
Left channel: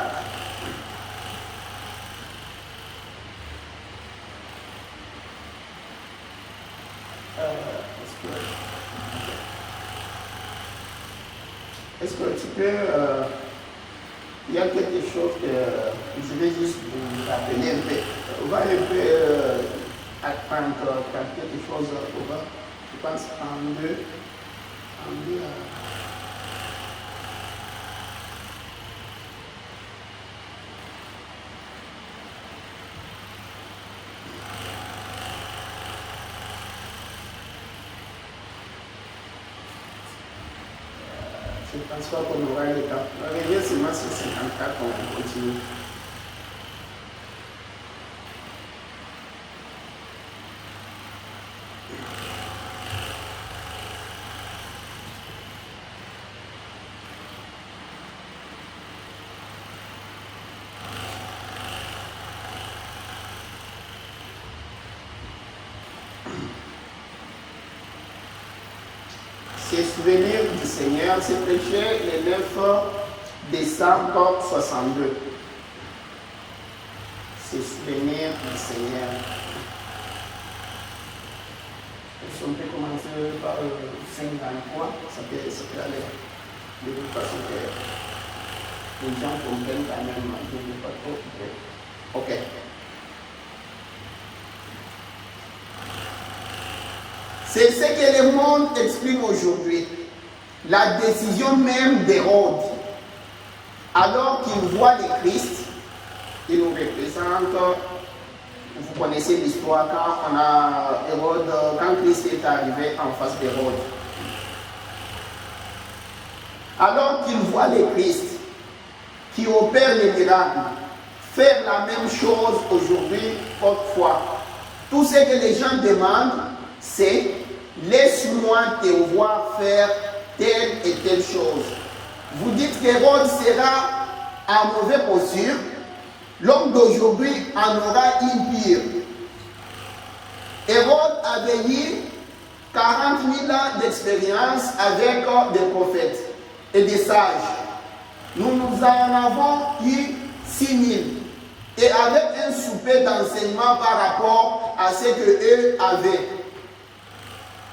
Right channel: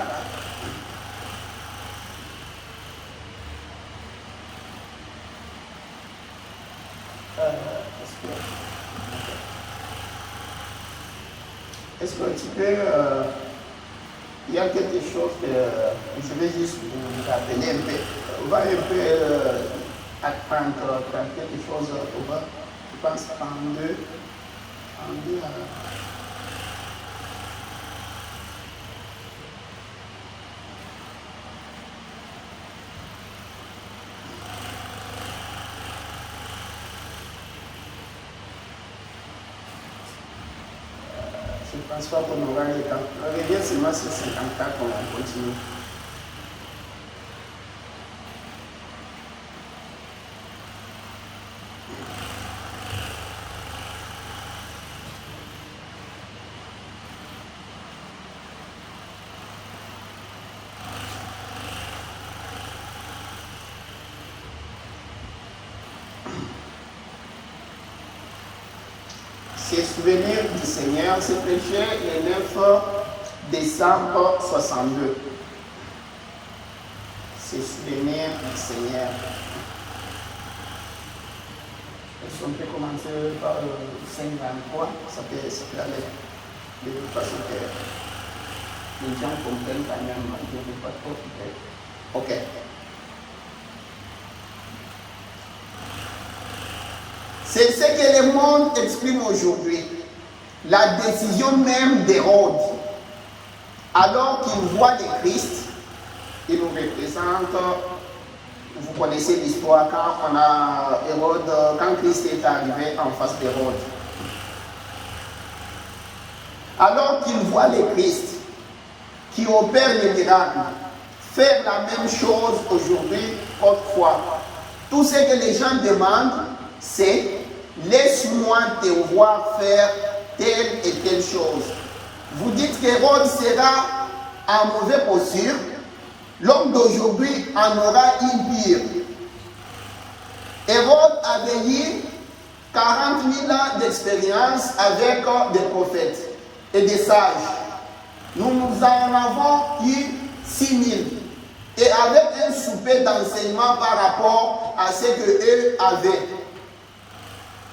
Est-ce que tu peux... il y a quelque chose que je vais juste vous rappeler un peu. On va un peu apprendre quelque chose. Je pense en deux. Je ne pense pas qu'on aura le temps. On revient seulement sur 54, on continue. Ces souvenirs du Seigneur, c'est prêché le 9 décembre 62. Ces souvenirs du Seigneur. Est-ce qu'on peut commencer par 53? Ça peut aller. De toute façon, que les gens comprennent quand même. Je ne vais pas trop. Ok. C'est ce que le monde exprime aujourd'hui. La décision même d'Hérode. Alors qu'il voit le Christ, il nous représente, vous connaissez l'histoire quand Christ est arrivé en face d'Hérode. Alors qu'il voit le Christ, qui opère les miracles, faire la même chose aujourd'hui autrefois. Tout ce que les gens demandent, c'est « laisse-moi te voir faire telle et telle chose ». Vous dites qu'Hérode sera en mauvaise posture, l'homme d'aujourd'hui en aura une pire. Hérode avait eu 40 000 ans d'expérience avec des prophètes et des sages. Nous en avons eu 6 000. Et avec un souper d'enseignement par rapport à ce qu'eux avaient.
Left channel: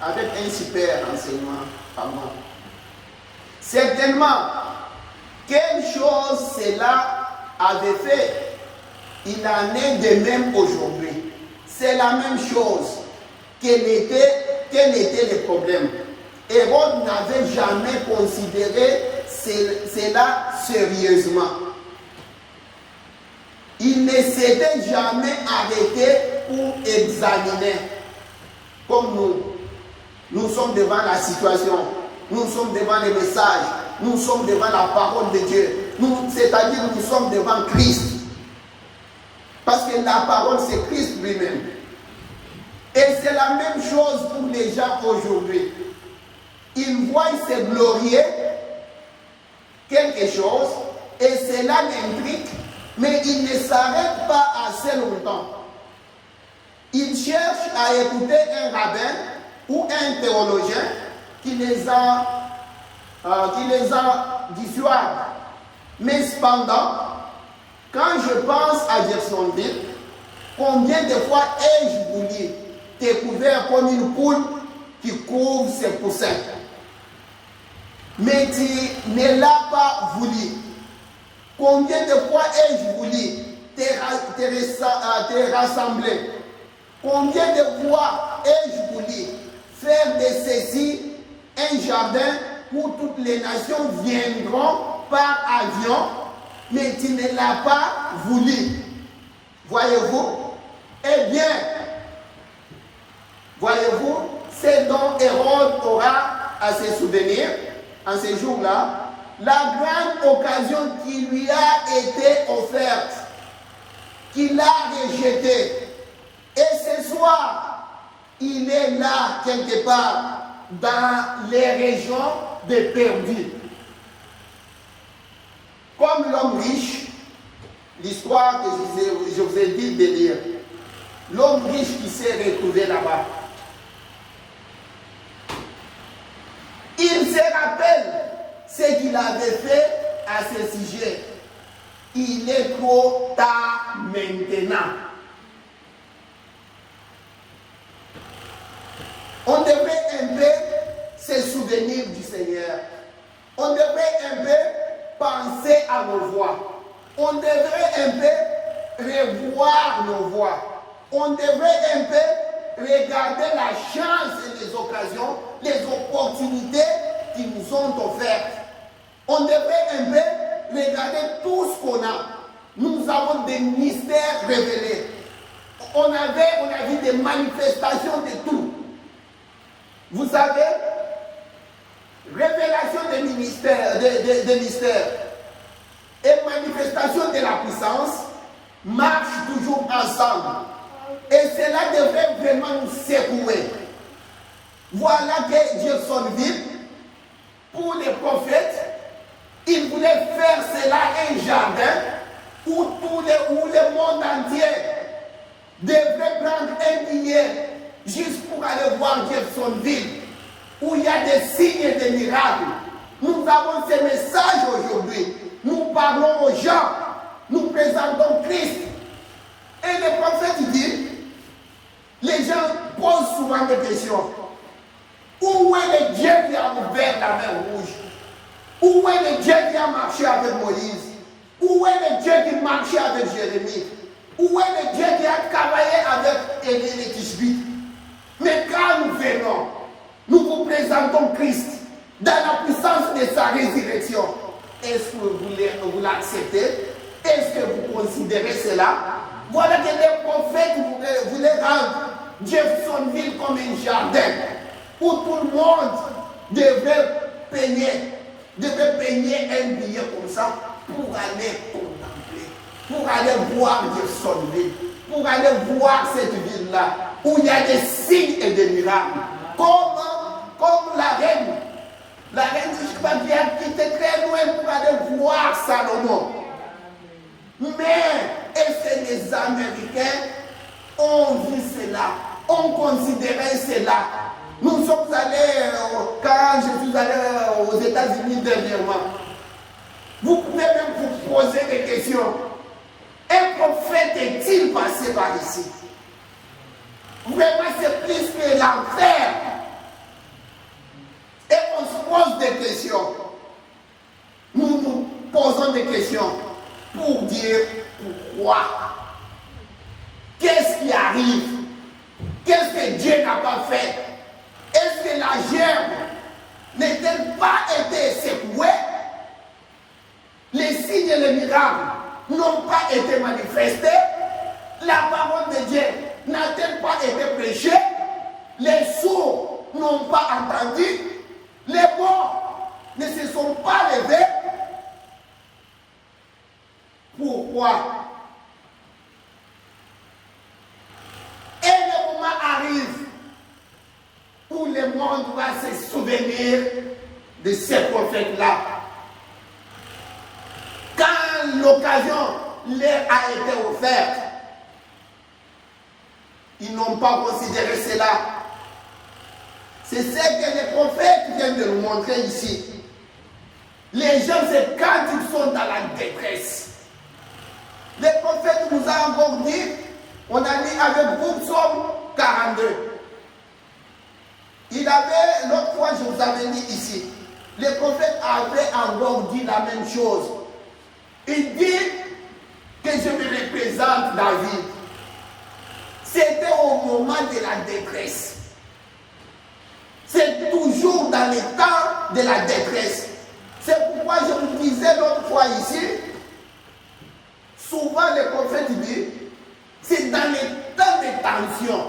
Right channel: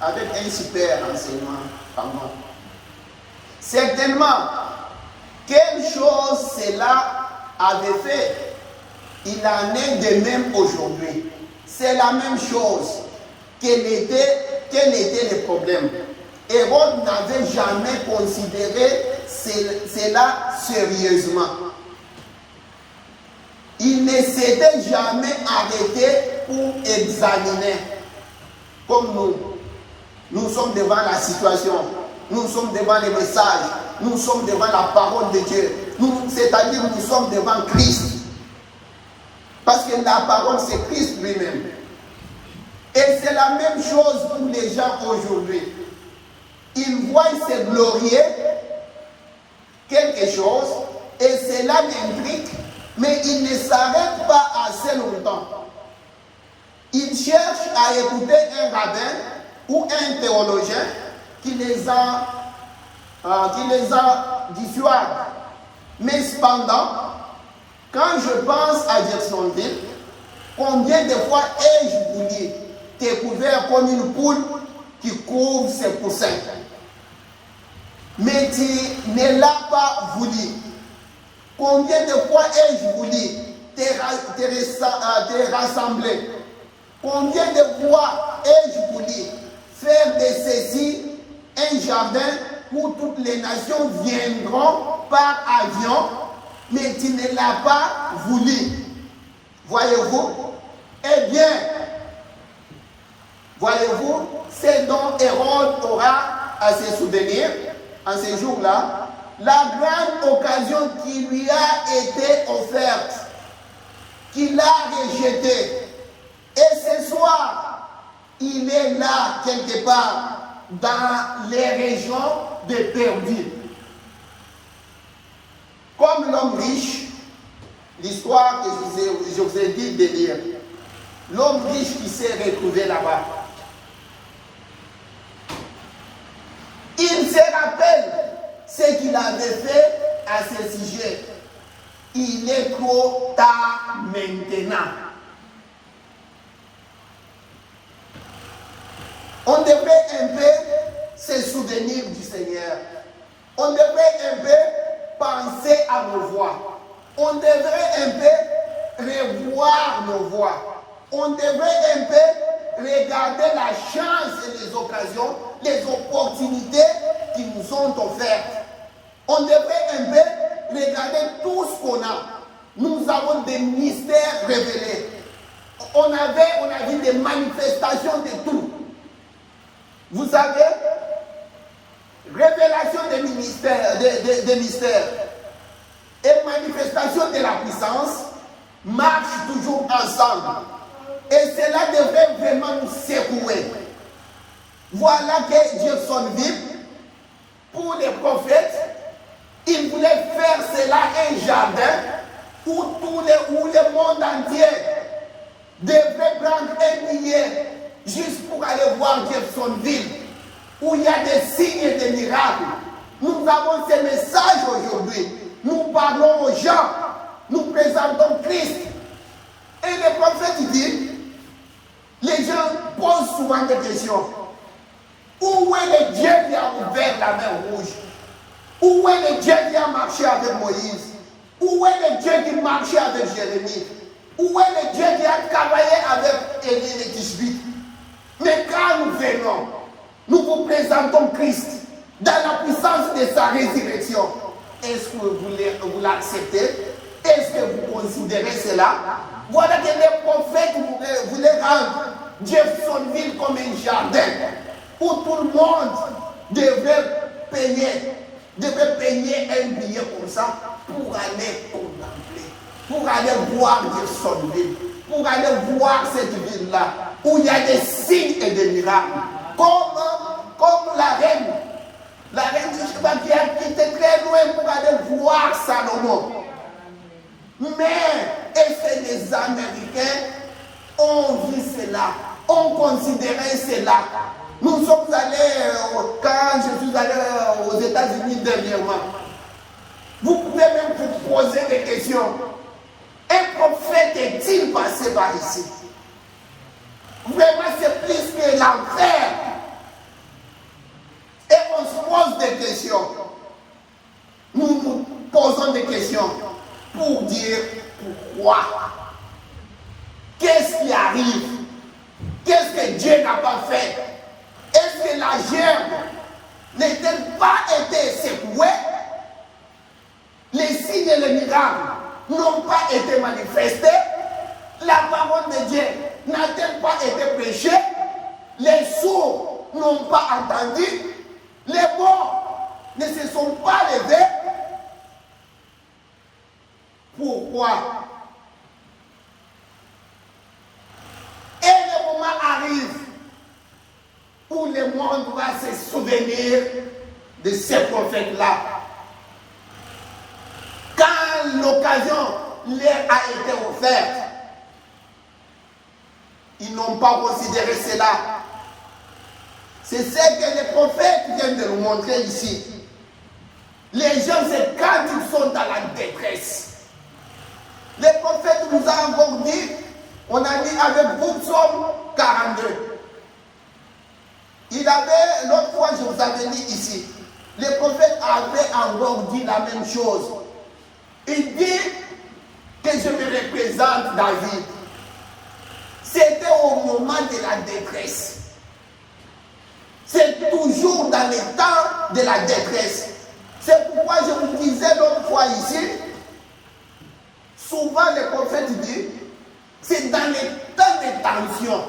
Avec un super enseignement, pardon. Certainement, quelle chose cela avait fait, il en est de même aujourd'hui. C'est la même chose. Quel était le problème? Hérode n'avait jamais considéré cela sérieusement. Il ne s'était jamais arrêté pour examiner. Comme nous. Nous sommes devant la situation. Nous sommes devant les messages. Nous sommes devant la parole de Dieu. c'est-à-dire nous sommes devant Christ. Parce que la parole, c'est Christ lui-même. Et c'est la même chose pour les gens aujourd'hui. Ils voient se glorier quelque chose et cela l'intrigue, mais ils ne s'arrêtent pas assez longtemps. Ils cherchent à écouter un rabbin ou un théologien qui les a dissuadés. Mais cependant, quand je pense à Jacksonville, combien de fois ai-je voulu découvert comme une poule qui couvre ses poussins? Mais tu ne l'as pas voulu. Combien de fois ai-je voulu te rassembler? Combien de fois ai-je voulu faire de ceci un jardin où toutes les nations viendront par avion, mais tu ne l'as pas voulu. Voyez-vous? Eh bien, voyez-vous, c'est dont Hérode aura à se souvenir en ces jours-là, la grande occasion qui lui a été offerte, qu'il a rejetée. Et ce soir, il est là quelque part dans les régions de perdus. Comme l'homme riche, l'histoire que je vous ai dit de lire, l'homme riche qui s'est retrouvé là-bas, il se rappelle ce qu'il avait fait à ce sujet. Il est trop tard maintenant. On devrait un peu se souvenir du Seigneur. On devrait un peu penser à nos voix. On devrait un peu revoir nos voix. On devrait un peu regarder la chance et les occasions, les opportunités qui nous ont offertes. On devrait un peu regarder tout ce qu'on a. Nous avons des mystères révélés. On a vu des manifestations de tout. Vous savez, révélation des mystères et manifestation de la puissance marchent toujours ensemble. Et cela devrait vraiment nous secouer. Voilà que Jacksonville, pour les prophètes, il voulait faire cela un jardin où le monde entier devrait prendre un billet juste pour aller voir Jacksonville, où il y a des signes et des miracles. Nous avons ce message aujourd'hui. Nous parlons aux gens. Nous présentons Christ. Et le prophète dit, les gens posent souvent des questions. Où est le Dieu qui a ouvert la mer rouge? Où est le Dieu qui a marché avec Moïse? Où est le Dieu qui marchait avec Jérémie? Où est le Dieu qui a travaillé avec Élie et Tishbite? Mais quand nous venons, nous vous présentons Christ dans la puissance de sa résurrection. Est-ce que vous l'acceptez? Est-ce que vous considérez cela? Voilà que les prophètes voulaient rendre Jacksonville comme un jardin où tout le monde devrait payer un billet comme ça pour aller contempler, pour aller voir Jacksonville, pour aller voir cette ville-là où il y a des signes et des miracles. Comme la reine de Sheba qui a quitté très loin pour aller voir Salomon. Mais est-ce que les Américains ont vu cela, ont considéré cela? Nous sommes allés, quand je suis allé aux États-Unis dernièrement, vous pouvez même vous poser des questions. Un prophète est-il passé par ici? Vraiment, c'est plus que l'enfer. Et on se pose des questions. Nous nous posons des questions pour dire pourquoi. Qu'est-ce qui arrive? Qu'est-ce que Dieu n'a pas fait? Est-ce que la gerbe n'a-t-elle pas été secouée? Les signes et les miracles n'ont pas été manifestés? La parole de Dieu n'a-t-elle pas été prêchée? Les sourds n'ont pas entendu? Les morts ne se sont pas levés? Pourquoi? Et le moment arrive où le monde va se souvenir de ces prophètes-là. Quand l'occasion leur a été offerte, ils n'ont pas considéré cela. C'est ce que les prophètes viennent de nous montrer ici. Les gens, c'est quand ils sont dans la détresse. Les prophètes nous ont encore dit, on a mis avec vous Psaume 42. Il avait, l'autre fois je vous avais dit ici, les prophètes avaient encore dit la même chose. Il dit que je me représente David. C'était au moment de la détresse. C'est toujours dans les temps de la détresse. C'est pourquoi je vous disais l'autre fois ici, souvent les prophètes disent, c'est dans les temps de tension,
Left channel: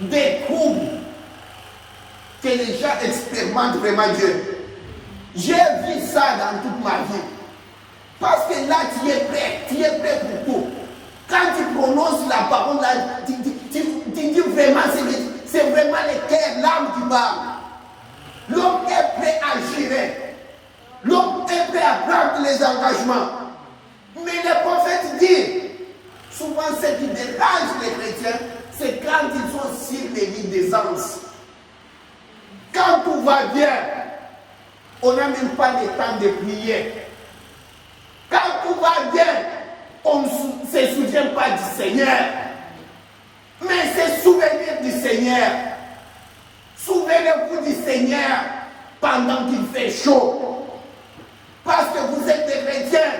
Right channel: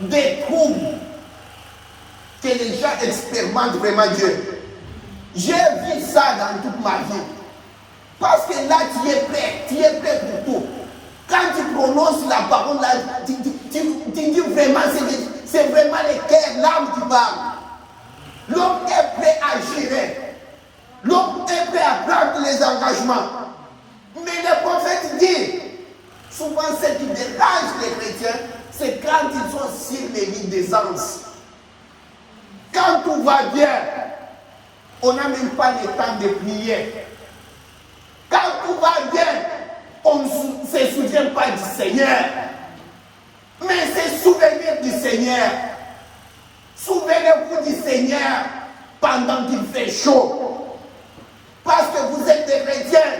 des troubles, que les gens expérimentent vraiment Dieu. J'ai vu ça dans toute ma vie. Parce que là, tu es prêt pour tout. Quand tu prononces la parole, là, tu dis vraiment, c'est vraiment le cœur, l'âme qui parle. L'homme est prêt à gérer. L'homme est prêt à prendre les engagements. Mais le prophète dit, souvent ce qui dérange les chrétiens, c'est quand ils sont sur les lits d'aisance. Quand tout va bien, on n'a même pas le temps de prier. Quand tout va bien, on ne se souvient pas du Seigneur. Mais c'est souvenir du Seigneur. Souvenez-vous du Seigneur pendant qu'il fait chaud. Parce que vous êtes des chrétiens.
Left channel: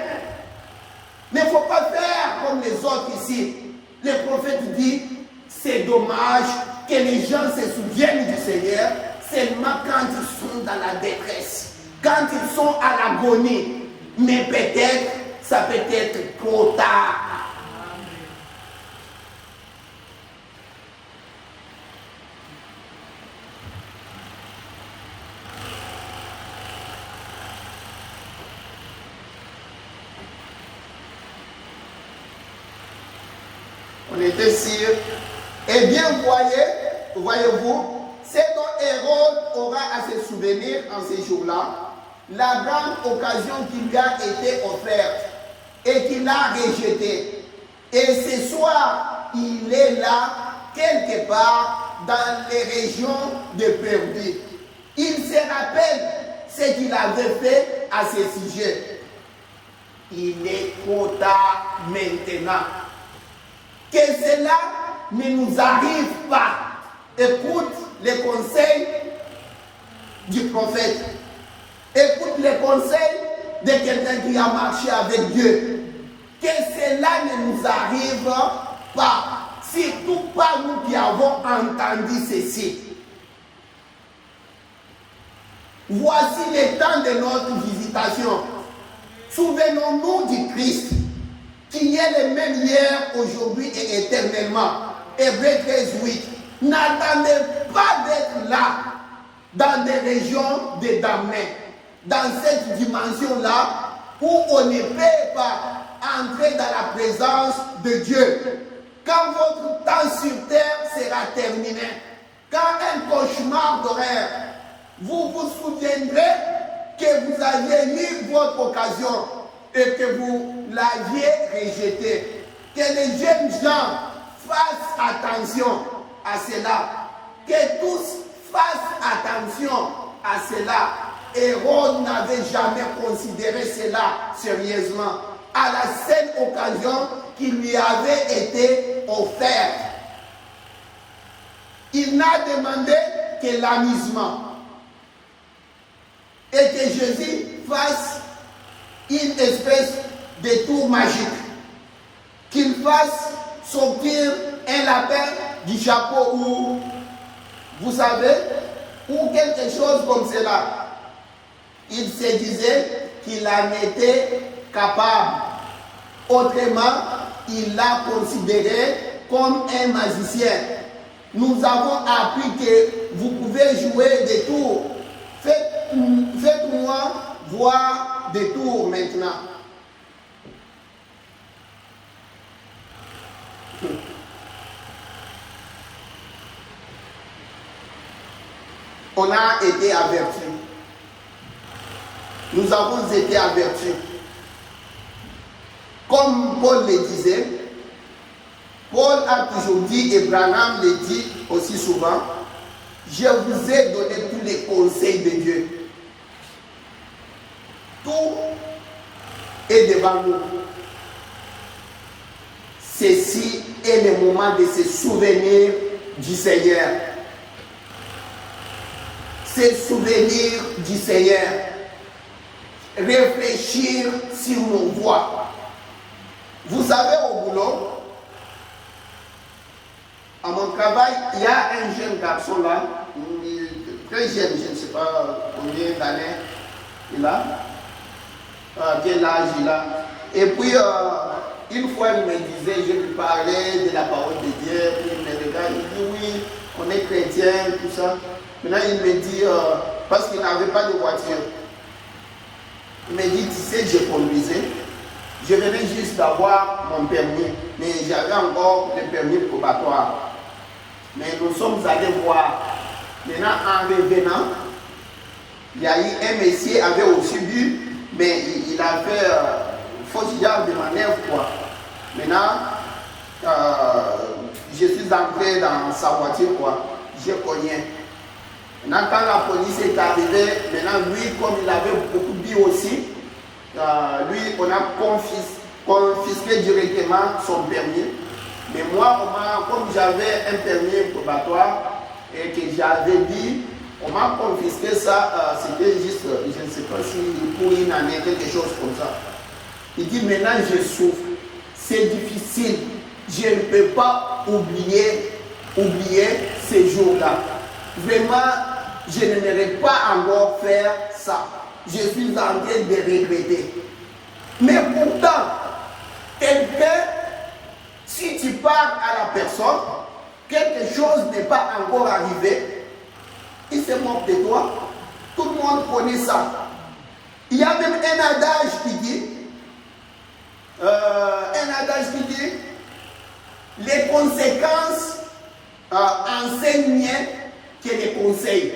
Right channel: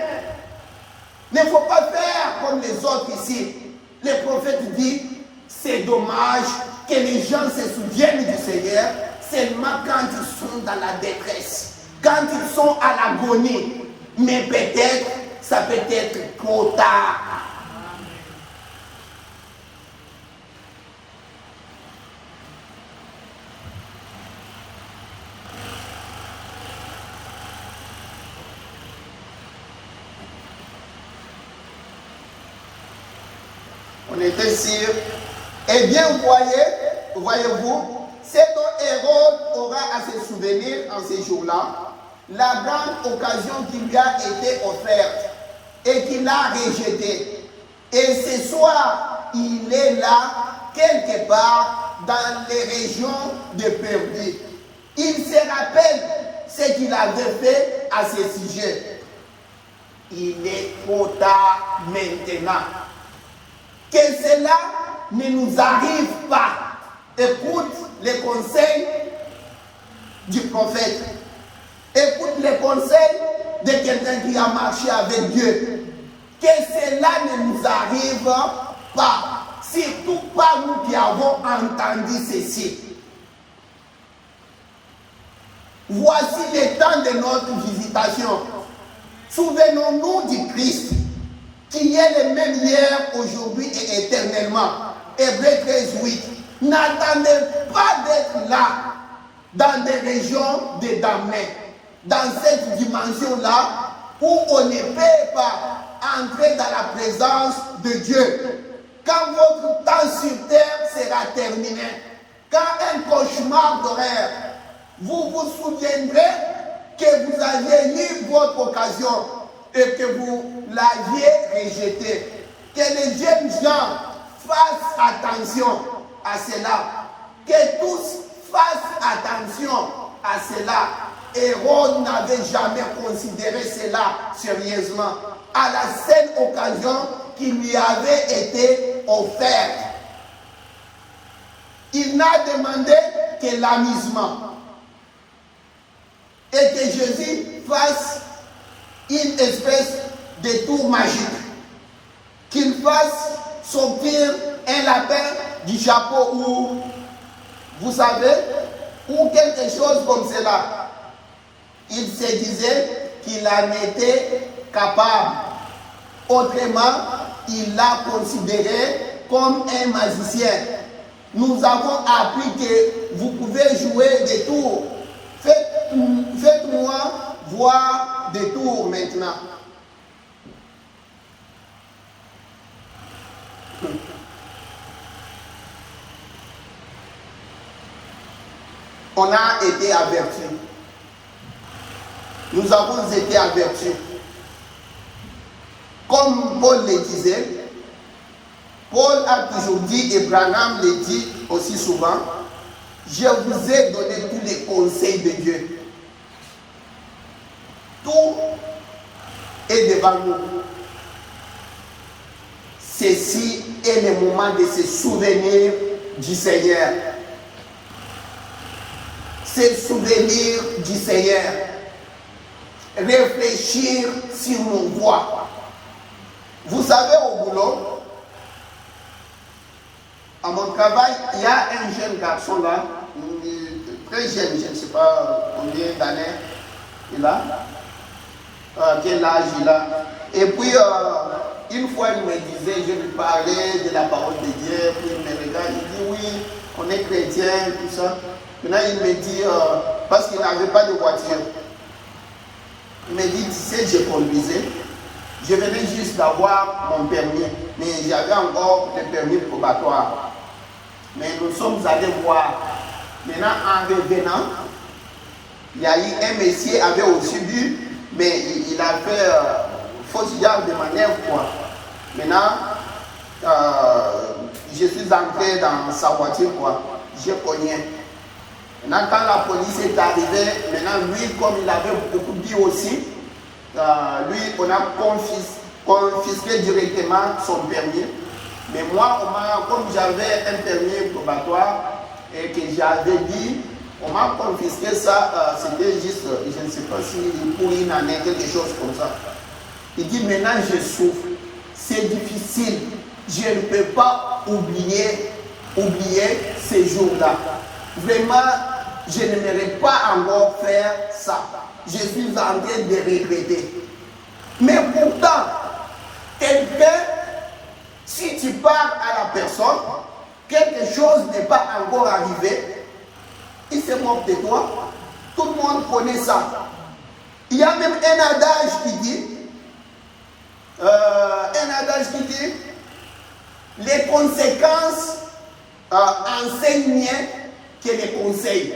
Il ne faut pas faire comme les autres ici. Le prophète dit, c'est dommage que les gens se souviennent du Seigneur seulement quand ils sont dans la détresse, quand ils sont à l'agonie. Mais peut-être, ça peut être trop tard. On était sûr. Eh bien, voyez-vous, ce dont Hérode aura à se souvenir en ces jours-là, la grande occasion qui lui a été offerte et qu'il a rejetée. Et ce soir, il est là, quelque part, dans les régions de Perdue. Il se rappelle ce qu'il avait fait à ce sujet. Il est trop tard maintenant. Que cela ne nous arrive pas. Écoute les conseils du prophète. Écoute les conseils de quelqu'un qui a marché avec Dieu. Que cela ne nous arrive pas. Surtout pas nous qui avons entendu ceci. Voici le temps de notre visitation. Souvenons-nous du Christ, qui est le même hier, aujourd'hui et éternellement. Hébreux 13:8. N'attendez pas d'être là, dans des régions de damnés, dans cette dimension-là, où on ne peut pas entrer dans la présence de Dieu. Quand votre temps sur terre sera terminé, quand un cauchemar d'horaire, vous vous souviendrez que vous aviez eu votre occasion et que vous l'aviez rejeté. Que les jeunes gens fassent attention à cela. Que tous fassent attention à cela. Hérode n'avait jamais considéré cela sérieusement. À la seule occasion qui lui avait été offerte, il n'a demandé que l'amusement. Et que Jésus fasse une espèce de tour magique. Qu'il fasse sortir un lapin du chapeau ou, vous savez, ou quelque chose comme cela. Il se disait qu'il en était capable. Autrement, il l'a considéré comme un magicien. Nous avons appris que vous pouvez jouer des tours. Faites-moi voir des tours maintenant. on a été avertis. Nous avons été avertis. Comme Paul le disait, Paul a toujours dit, et Branham le dit aussi souvent, je vous ai donné tous les conseils de Dieu. Tout est devant nous. Ceci est le moment de se souvenir du Seigneur. Se souvenir du Seigneur. Réfléchir sur nos voies. Vous savez, au boulot, à mon travail, il y a un jeune garçon là, très jeune, je ne sais pas combien d'années il a, quel âge il a. Et puis, une fois, il me disait, je lui parlais de la parole de Dieu, puis il me regarde, il dit, oui, on est chrétien, tout ça. Maintenant, il me dit, parce qu'il n'avait pas de voiture, il me dit, tu sais, je conduisais. Je venais juste d'avoir mon permis, mais j'avais encore le permis probatoire. Mais nous sommes allés voir. Maintenant, en revenant, il y a eu un monsieur qui avait aussi bu, mais il a fait fausse garde de manœuvre, quoi. Maintenant, je suis entré dans sa voiture, quoi. Je connais. Maintenant, quand la police est arrivée, maintenant, lui, comme il avait beaucoup bu aussi, lui, on a confisqué directement son permis. Mais moi, comme j'avais un permis probatoire et que j'avais dit, on m'a confisqué ça, c'était juste, je ne sais pas si pour une année, quelque chose comme ça. Il dit, maintenant je souffre, c'est difficile, je ne peux pas oublier ces jours-là. Vraiment, je n'aimerais pas encore faire ça. Je suis en train de regretter. Mais pourtant, quelqu'un, si tu parles à la personne, quelque chose n'est pas encore arrivé, il se moque de toi. Tout le monde connaît ça. Il y a même un adage qui dit, les conséquences enseignent mieux que les conseils.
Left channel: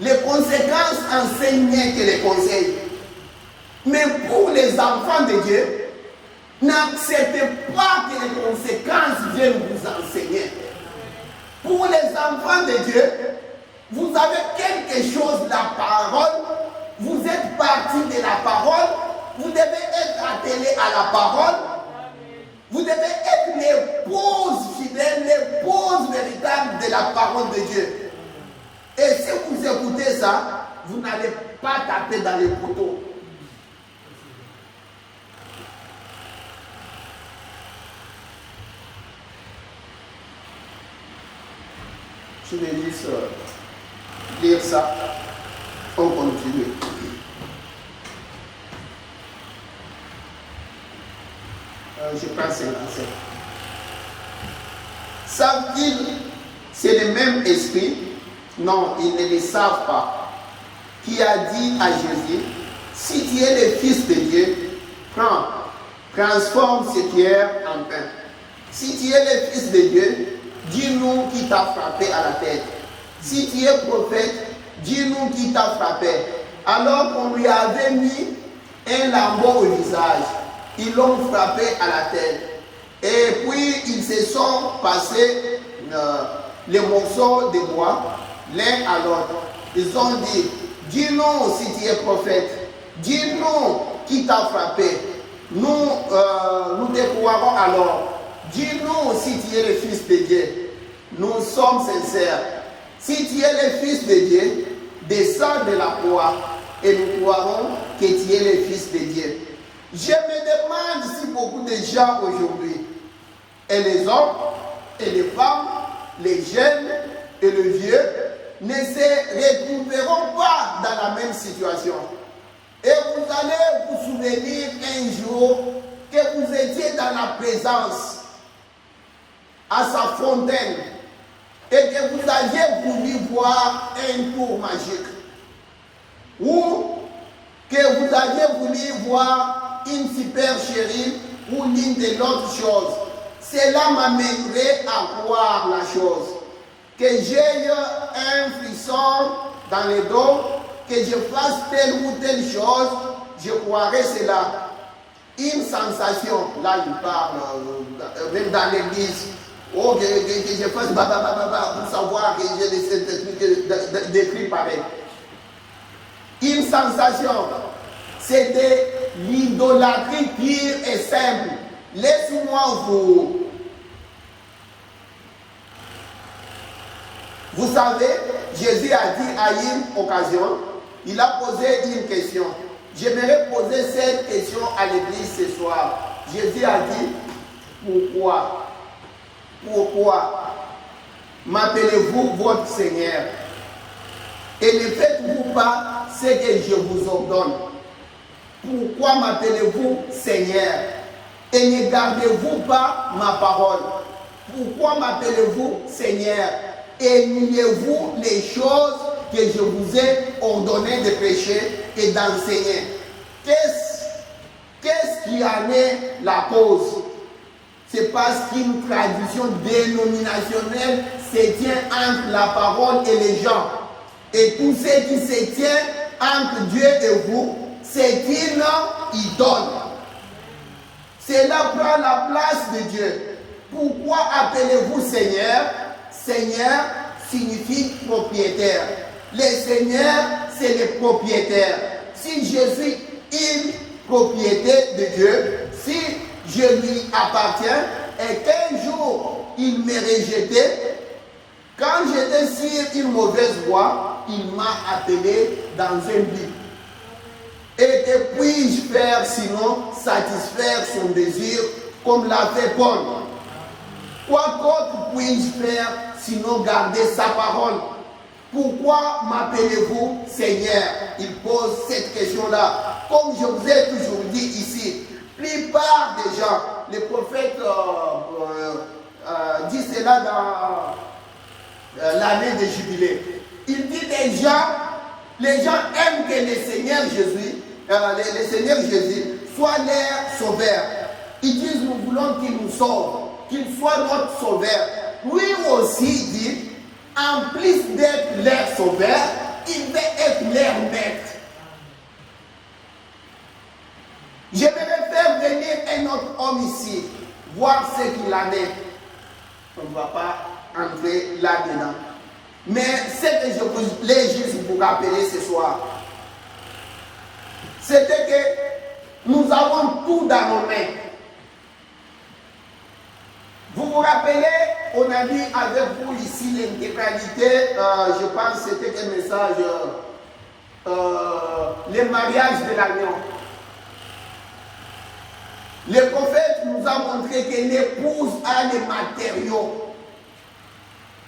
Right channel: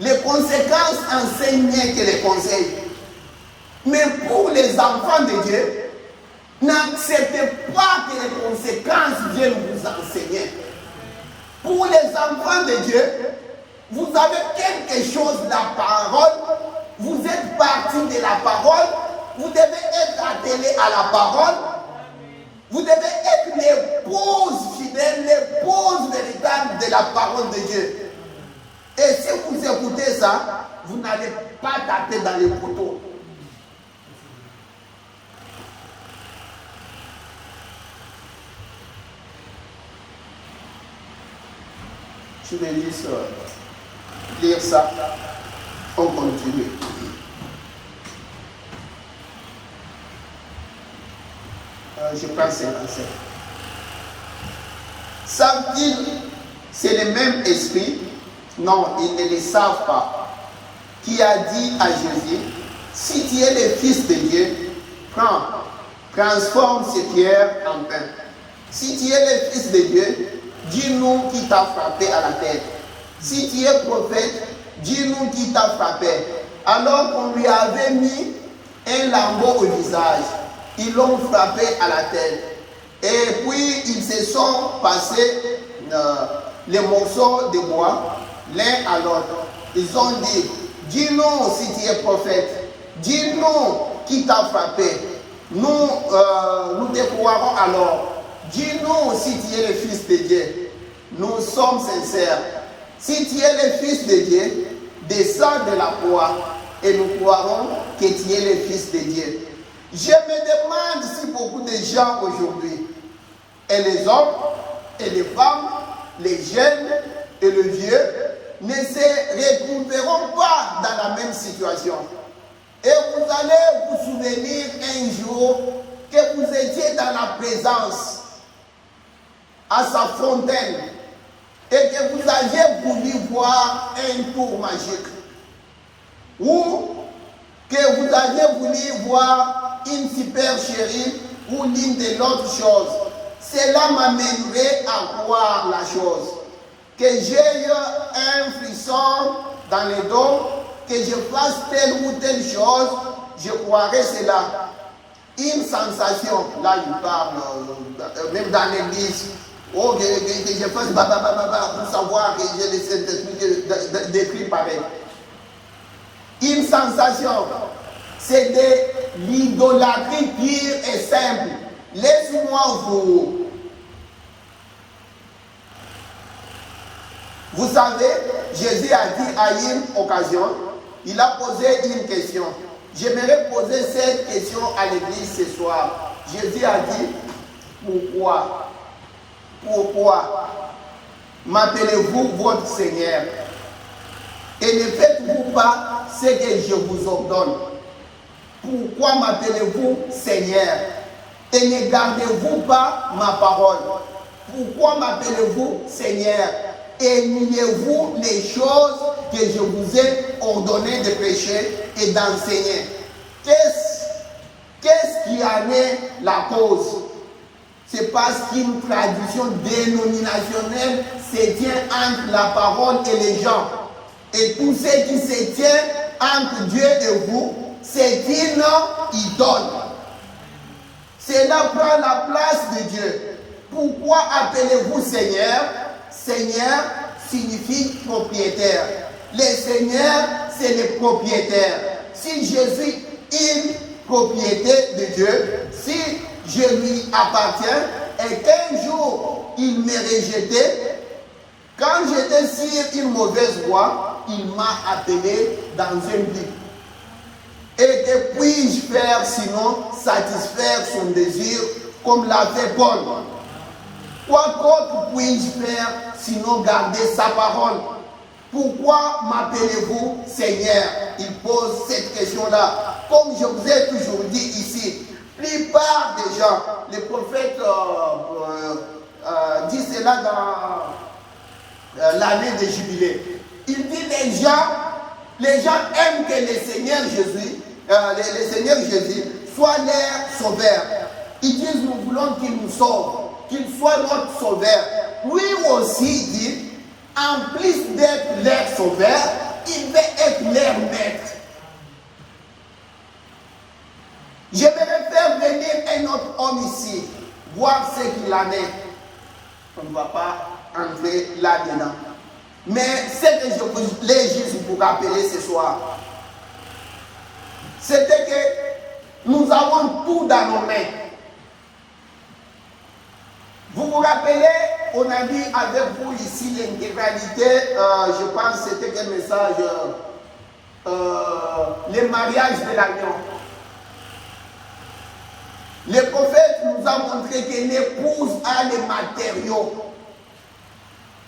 Les conséquences enseignent mieux que les conseils. Mais pour les enfants de Dieu, n'acceptez pas que les conséquences viennent vous enseigner. Pour les enfants de Dieu, vous avez quelque chose, la parole, vous êtes parti de la parole, vous devez être attelé à la parole, vous devez être l'épouse fidèle, l'épouse véritable de la parole de Dieu. Et si vous écoutez ça, vous n'allez pas taper dans les poteaux. Je vais lire ça. On continue. Je prends 57. Savent-ils, c'est le même esprit? Non, ils ne le savent pas. Qui a dit à Jésus, si tu es le Fils de Dieu, prends, transforme ces pierres en pain. Si tu es le Fils de Dieu, dis-nous qui t'a frappé à la tête. Si tu es prophète, dis-nous qui t'a frappé. Alors qu'on lui avait mis un lambeau au visage, ils l'ont frappé à la tête. Et puis ils se sont passés les morceaux de bois l'un à l'autre. Ils ont dit, dis-nous si tu es prophète, dis-nous qui t'a frappé. Nous te croirons alors. Dis-nous si tu es le Fils de Dieu. Nous sommes sincères. Si tu es le Fils de Dieu, descends de la croix et nous croirons que tu es le Fils de Dieu. Je me demande si beaucoup de gens aujourd'hui, et les hommes, et les femmes, les jeunes et les vieux, ne se retrouveront pas dans la même situation. Et vous allez vous souvenir un jour que vous étiez dans la présence à sa fontaine et que vous aviez voulu voir un tour magique ou que vous aviez voulu voir une supercherie ou l'une de l'autre chose. Cela m'amènerait à croire la chose. que j'ai un frisson dans le dos, que je fasse telle ou telle chose, je croirais cela. Une sensation, là il parle, même dans l'église, oh, que je fasse pour savoir que j'ai les Saint-Esprit décrit pareil. Une sensation, c'est de l'idolâtrie pure et simple. Laisse-moi Vous savez, Jésus a dit à une occasion, il a posé une question. J'aimerais poser cette question à l'église ce soir. Jésus a dit, pourquoi m'appelez-vous votre Seigneur? Et ne faites-vous pas ce que je vous ordonne. Pourquoi m'appelez-vous Seigneur? Et ne gardez-vous pas ma parole? Pourquoi m'appelez-vous Seigneur? Et niez-vous les choses que je vous ai ordonné de prêcher et d'enseigner? Qu'est-ce qui en est la cause? C'est parce qu'une tradition dénominationnelle se tient entre la parole et les gens. Et tout ce qui se tient entre Dieu et vous, c'est une idole. Cela prend la place de Dieu. Pourquoi appelez-vous Seigneur? Seigneur signifie propriétaire. Les seigneurs, c'est les propriétaires. Si je suis une propriété de Dieu, si je lui appartiens et qu'un jour il m'est rejeté, quand j'étais sur une mauvaise voie, il m'a appelé dans un but. Et que puis-je faire sinon satisfaire son désir comme l'a fait Paul? Quoi d'autre puis-je faire sinon garder sa parole? Pourquoi m'appelez-vous Seigneur? Il pose cette question-là. Comme je vous ai toujours dit ici, la plupart des gens, les prophètes disent cela dans l'année de jubilé. Il dit les gens aiment que le Seigneur Jésus soit leur sauveur. Ils disent nous voulons qu'il nous sauve, qu'il soit notre sauveur. Lui aussi dit, en plus d'être leur sauveur, il veut être leur maître. Je vais faire venir un autre homme ici, voir ce qu'il en est. On ne va pas entrer là-dedans. Mais ce que je voulais juste vous rappeler ce soir, c'était que nous avons tout dans nos mains. Vous vous rappelez, on a vu avec vous ici l'intégralité, je pense que c'était quel message, le mariage de l'agneau. Le prophète nous a montré que l'épouse a les matériaux,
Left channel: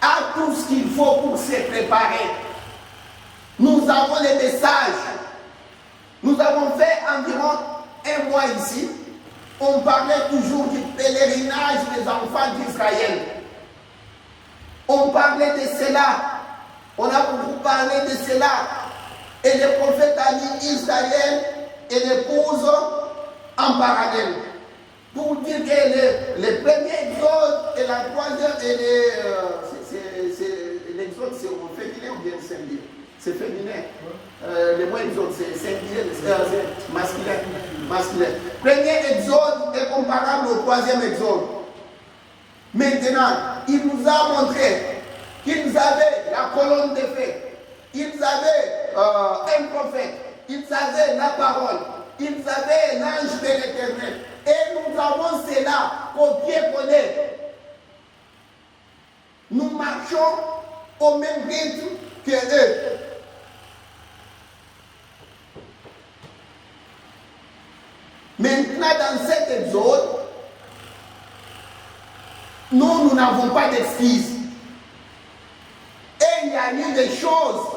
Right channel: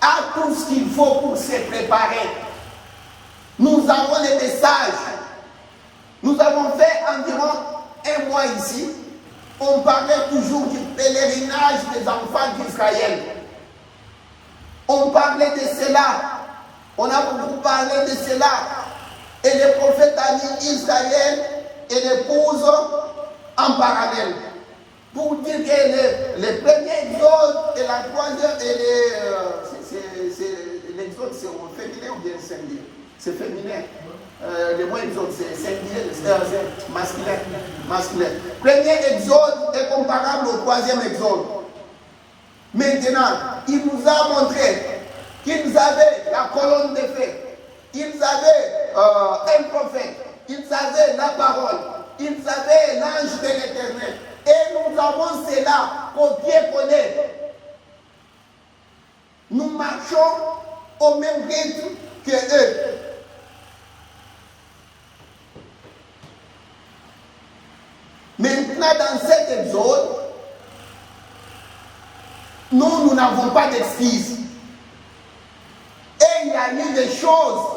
a tout ce qu'il faut pour se préparer. Nous avons les messages. Nous avons fait environ un mois ici. On parlait toujours du pèlerinage des enfants d'Israël. On parlait de cela. On a beaucoup parlé de cela. Et le prophète a mis Israël et l'épouse en parallèle. Pour dire que le premier exode et la troisième, l'exode c'est au féminin ou bien singulier? C'est féminin. Le mot exode c'est singulier, c'est masculin. Premier exode est comparable au troisième exode. Maintenant, il nous a montré qu'ils avaient la colonne de feu, ils avaient un prophète, ils avaient la parole, ils avaient l'ange de l'Éternel. Et nous avons cela copié-collé. Nous marchons au même rythme que eux. Maintenant, dans cet exode, nous n'avons pas d'excuses. Et il y a eu des choses.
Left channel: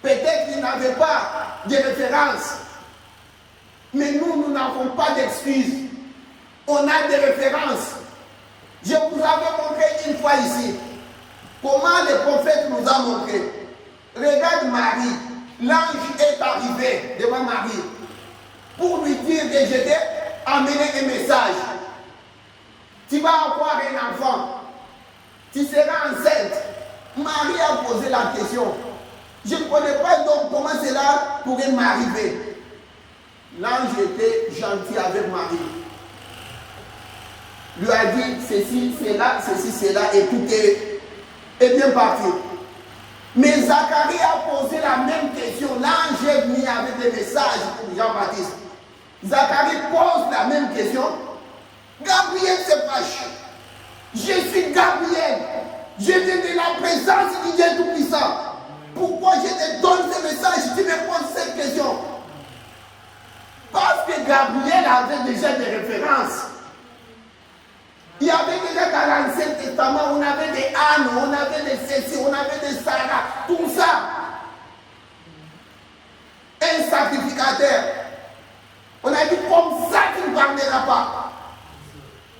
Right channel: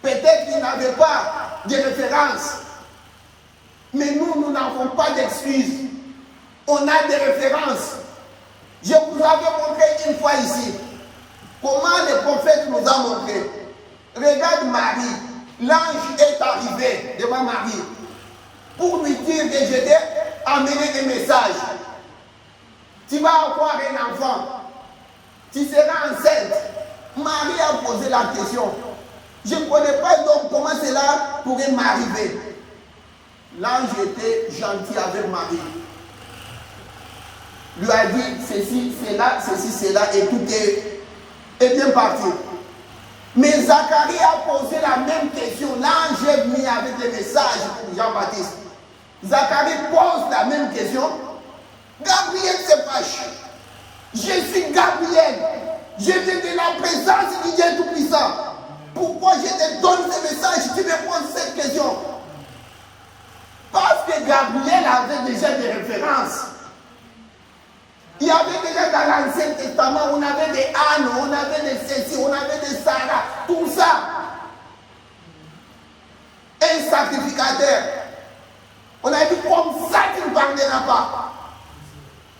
Peut-être qu'ils n'avaient pas de référence. Mais nous n'avons pas d'excuses. On a des références. Je vous avais montré une fois ici comment le prophète nous a montré. Regarde Marie. L'ange est arrivé devant Marie pour lui dire que je t'ai amené un message. Tu vas avoir un enfant. tu seras enceinte. Marie a posé la question. Je ne connais pas donc comment cela pourrait m'arriver. L'ange était gentil avec Marie. Lui a dit ceci, cela, et tout est bien parti. Mais Zacharie a posé la même question. L'ange est venu avec des messages pour Jean-Baptiste. Zacharie pose la même question. Gabriel se fâche. Je suis Gabriel. Je viens de la présence du Dieu Tout-Puissant. Pourquoi je te donne ce message? Tu me poses cette question. Parce que Gabriel avait déjà des références. Il y avait déjà dans l'Ancien Testament, on avait des Anne, on avait des Cécile, on avait des Sarah, tout ça. Un sacrificateur. On a dit comme ça qu'il ne pardonnera pas.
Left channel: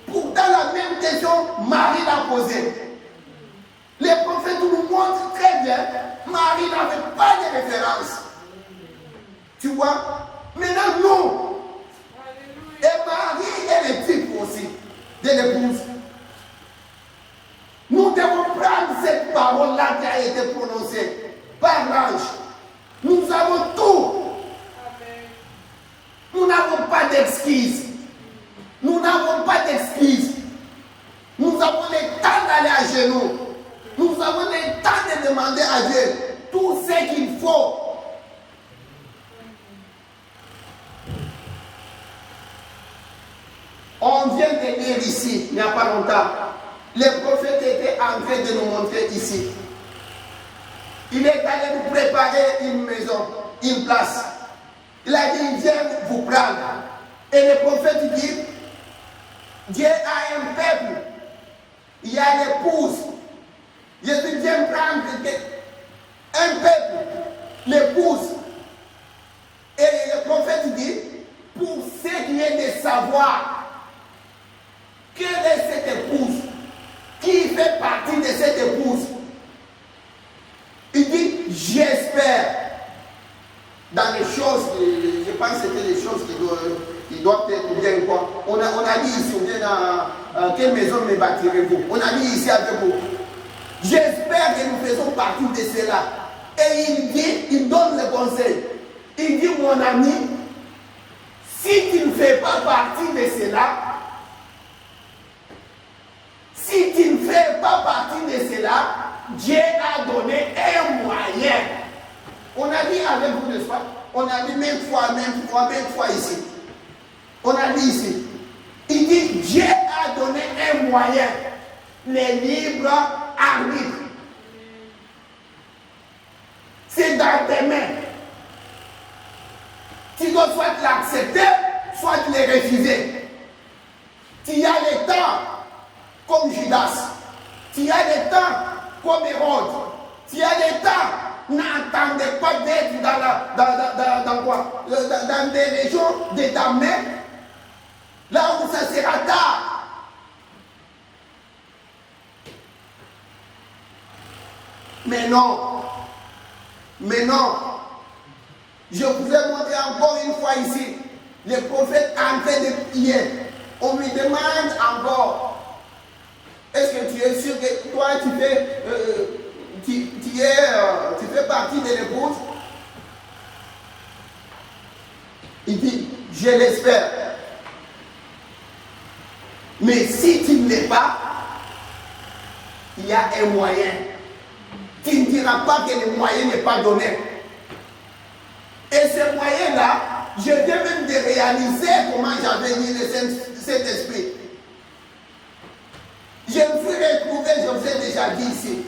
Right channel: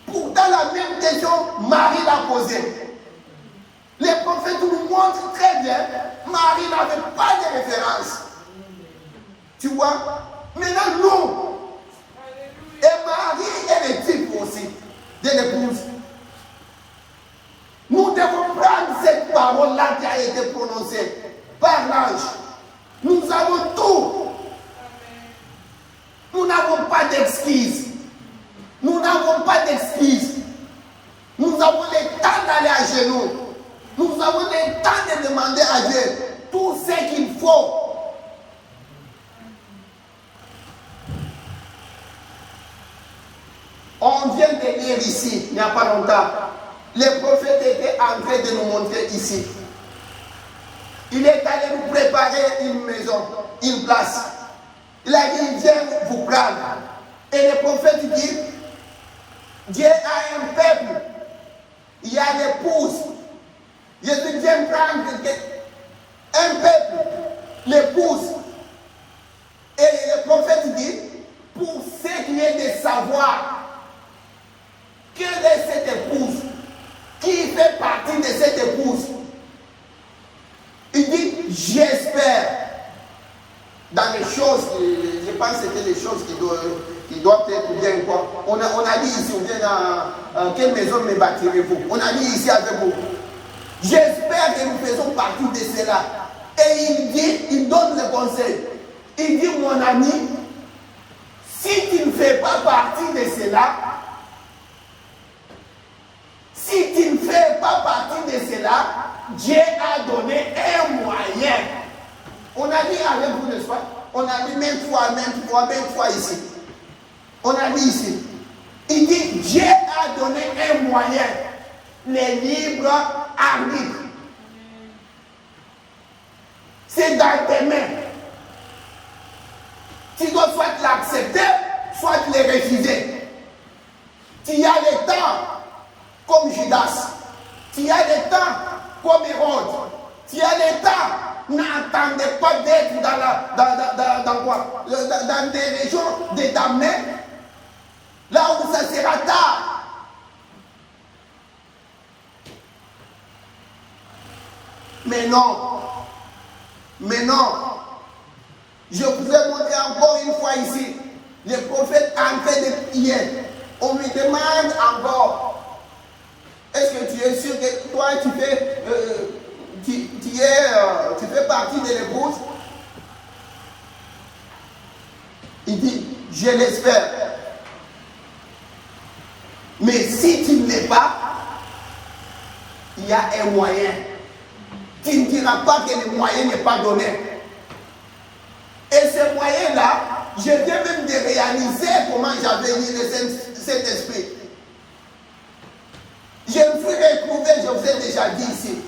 Pourtant, la même question, Marie l'a posée. Les prophètes nous montrent très bien, Marie n'avait pas de référence. Tu vois? Maintenant, nous, et Marie est le type aussi de l'épouse. Nous devons prendre cette parole-là qui a été prononcée par l'ange. Nous avons tout. Nous n'avons pas d'excuses. Nous n'avons pas d'excuses. Nous avons le temps d'aller à genoux. Nous avons le temps de demander à Dieu tout ce qu'il faut. On vient de lire ici, il n'y a pas longtemps. Les prophètes étaient en train de nous montrer ici. Il est allé nous préparer une maison, une place. Il a dit, viens vous prendre. Et le prophète dit, Dieu a un peuple. Il y a l'épouse. Je dis, viens prendre un peuple, l'épouse. Et le prophète dit, pour ce qui est de savoir, quelle est cette épouse? Qui fait partie de cette épouse? Il dit, j'espère. Dans les choses, je pense que c'était les choses qui doivent être bien. On a dit ici, on vient dans quelle maison me bâtirez-vous? On a dit ici avec vous. J'espère que nous faisons partie de cela. Et il dit, il donne le conseil. Il dit, mon ami, si tu ne fais pas partie de cela, si tu ne fais pas partie de cela, Dieu a donné un moyen. On a dit avec vous, n'est-ce pas? On a dit même fois ici. On a dit ici. Il dit, Dieu a donné un moyen. Les libres arbitres. C'est dans tes mains. Tu dois soit l'accepter, soit le refuser. Tu as le temps. Comme Judas, tu as le temps comme Hérode, tu as le temps, n'attendez pas d'être dans des régions de ta main, là où ça sera tard. Mais non, je pouvais montrer encore une fois ici, les prophètes en train de prier, on me demande encore. Est-ce que tu es sûr que toi, tu fais partie de l'épouse? Il dit, je l'espère. Mais si tu ne l'es pas, il y a un moyen. Tu ne diras pas que le moyen n'est pas donné. Et ce moyen-là, je viens même de réaliser comment j'avais mis le Saint-Esprit. Je me suis retrouvé, je vous ai déjà dit ici.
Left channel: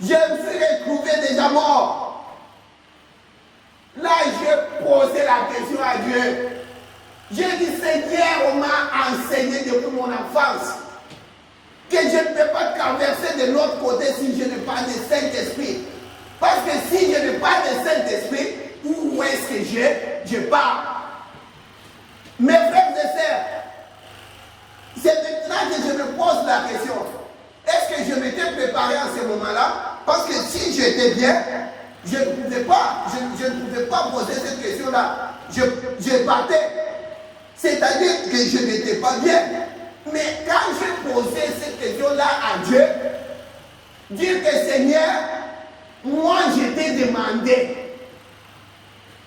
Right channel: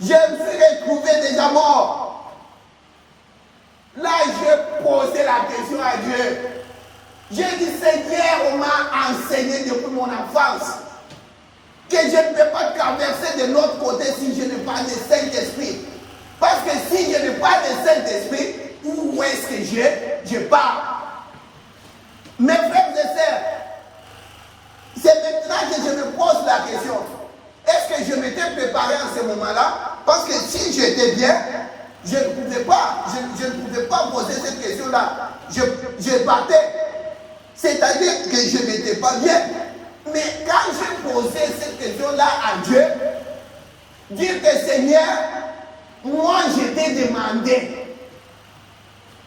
Je me suis retrouvé déjà mort. Là, j'ai posé la question à Dieu. J'ai dit, Seigneur, on m'a enseigné depuis mon enfance que je ne peux pas traverser de l'autre côté si je n'ai pas de Saint-Esprit. Parce que si je n'ai pas de Saint-Esprit, où est-ce que je pars? Mes frères et sœurs, c'est maintenant que je me pose la question. Est-ce que je m'étais préparé en ce moment-là? Parce que si j'étais bien, je ne pouvais pas poser cette question-là. Je partais. C'est-à-dire que je n'étais pas bien. Mais quand j'ai poser cette question-là à Dieu, dire que Seigneur, moi je t'ai demandé.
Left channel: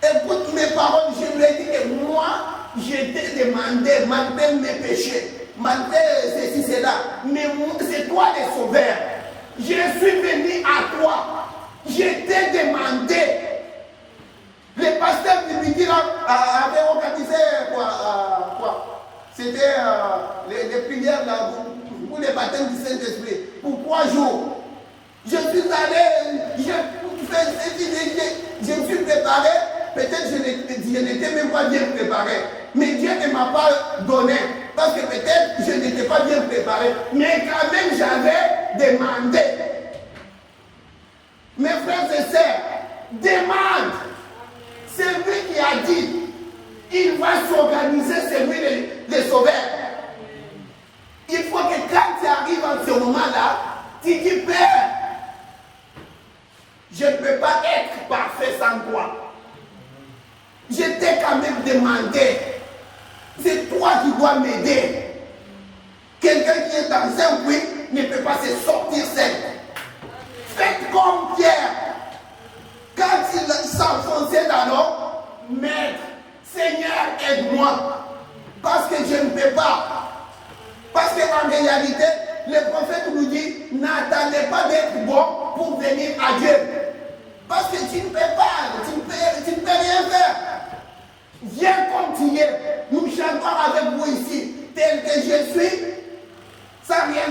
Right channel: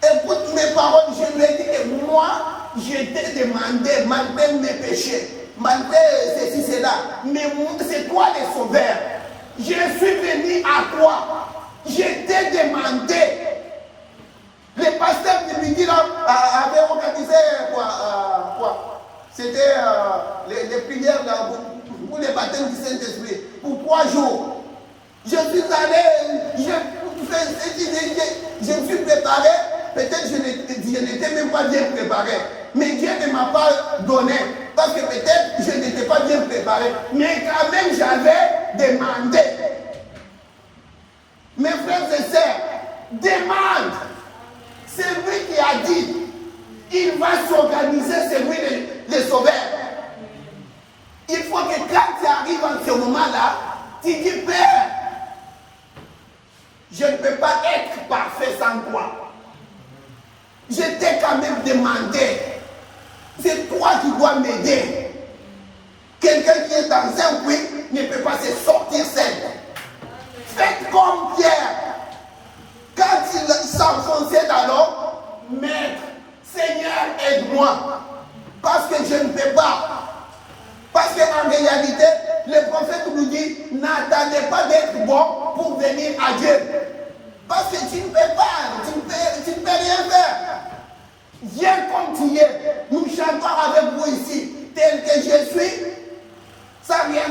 Écoute mes paroles, je lui ai dit que moi je t'ai demandé, malgré mes péchés, malgré ceci, cela, mais c'est toi le sauveur. Je suis venu à toi, je t'ai demandé. Le pasteur de midi là avait organisé quoi c'était les prières là, pour les baptêmes du Saint-Esprit pour 3 jours. Je suis allé, je me suis préparé, peut-être je n'étais même pas bien préparé, mais Dieu ne m'a pas donné, parce que peut-être je n'étais pas bien préparé, mais quand même j'avais demandé. Mes frères et sœurs, demande. C'est lui qui a dit, il va s'organiser, c'est lui le sauveur. Il faut que quand tu arrives en ce moment-là, tu dis, Père, je ne peux pas être parfait sans toi. Je t'ai quand même demandé. C'est toi qui dois m'aider. Quelqu'un qui est dans un puits ne peut pas se sortir seul. Faites comme Pierre. Quand il s'enfonçait dans l'eau, Maître, Seigneur, aide-moi. Parce que je ne peux pas. Parce qu'en réalité, le prophète nous dit, n'attendez pas d'être bon pour venir à Dieu. Parce que tu ne peux pas, tu ne peux rien faire. Viens comme tu es. Nous chantons avec vous ici, tel que je suis, sans rien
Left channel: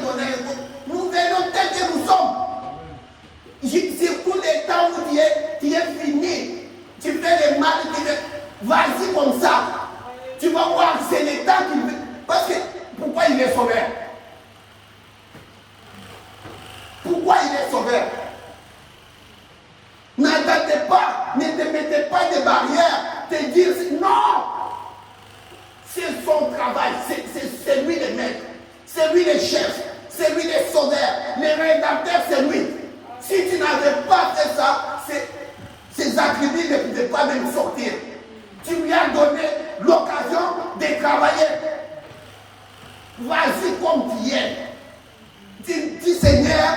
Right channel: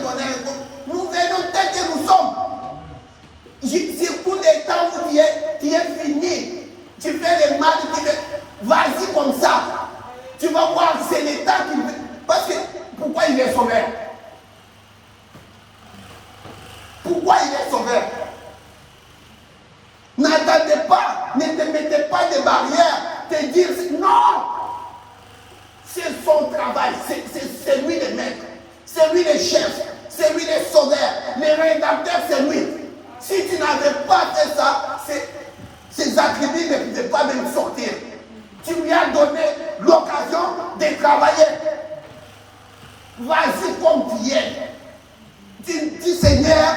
donner. Nous venons tel que nous sommes. C'est pour les temps où tu es fini. Tu fais le mal, vas-y comme ça. Tu vas voir, c'est le temps qui... Parce que, pourquoi il est sauveur? Pourquoi il est sauveur? N'attendez pas, ne te mettez pas de barrières, te dire non. C'est son travail, c'est lui le maître, c'est lui le chef, c'est lui le sauveur, le rédacteur, c'est lui. Si tu n'avais pas fait ça, ces attributs ne pouvaient pas même sortir. Tu lui as donné l'occasion de travailler. Vas-y comme tu es. Dis Seigneur,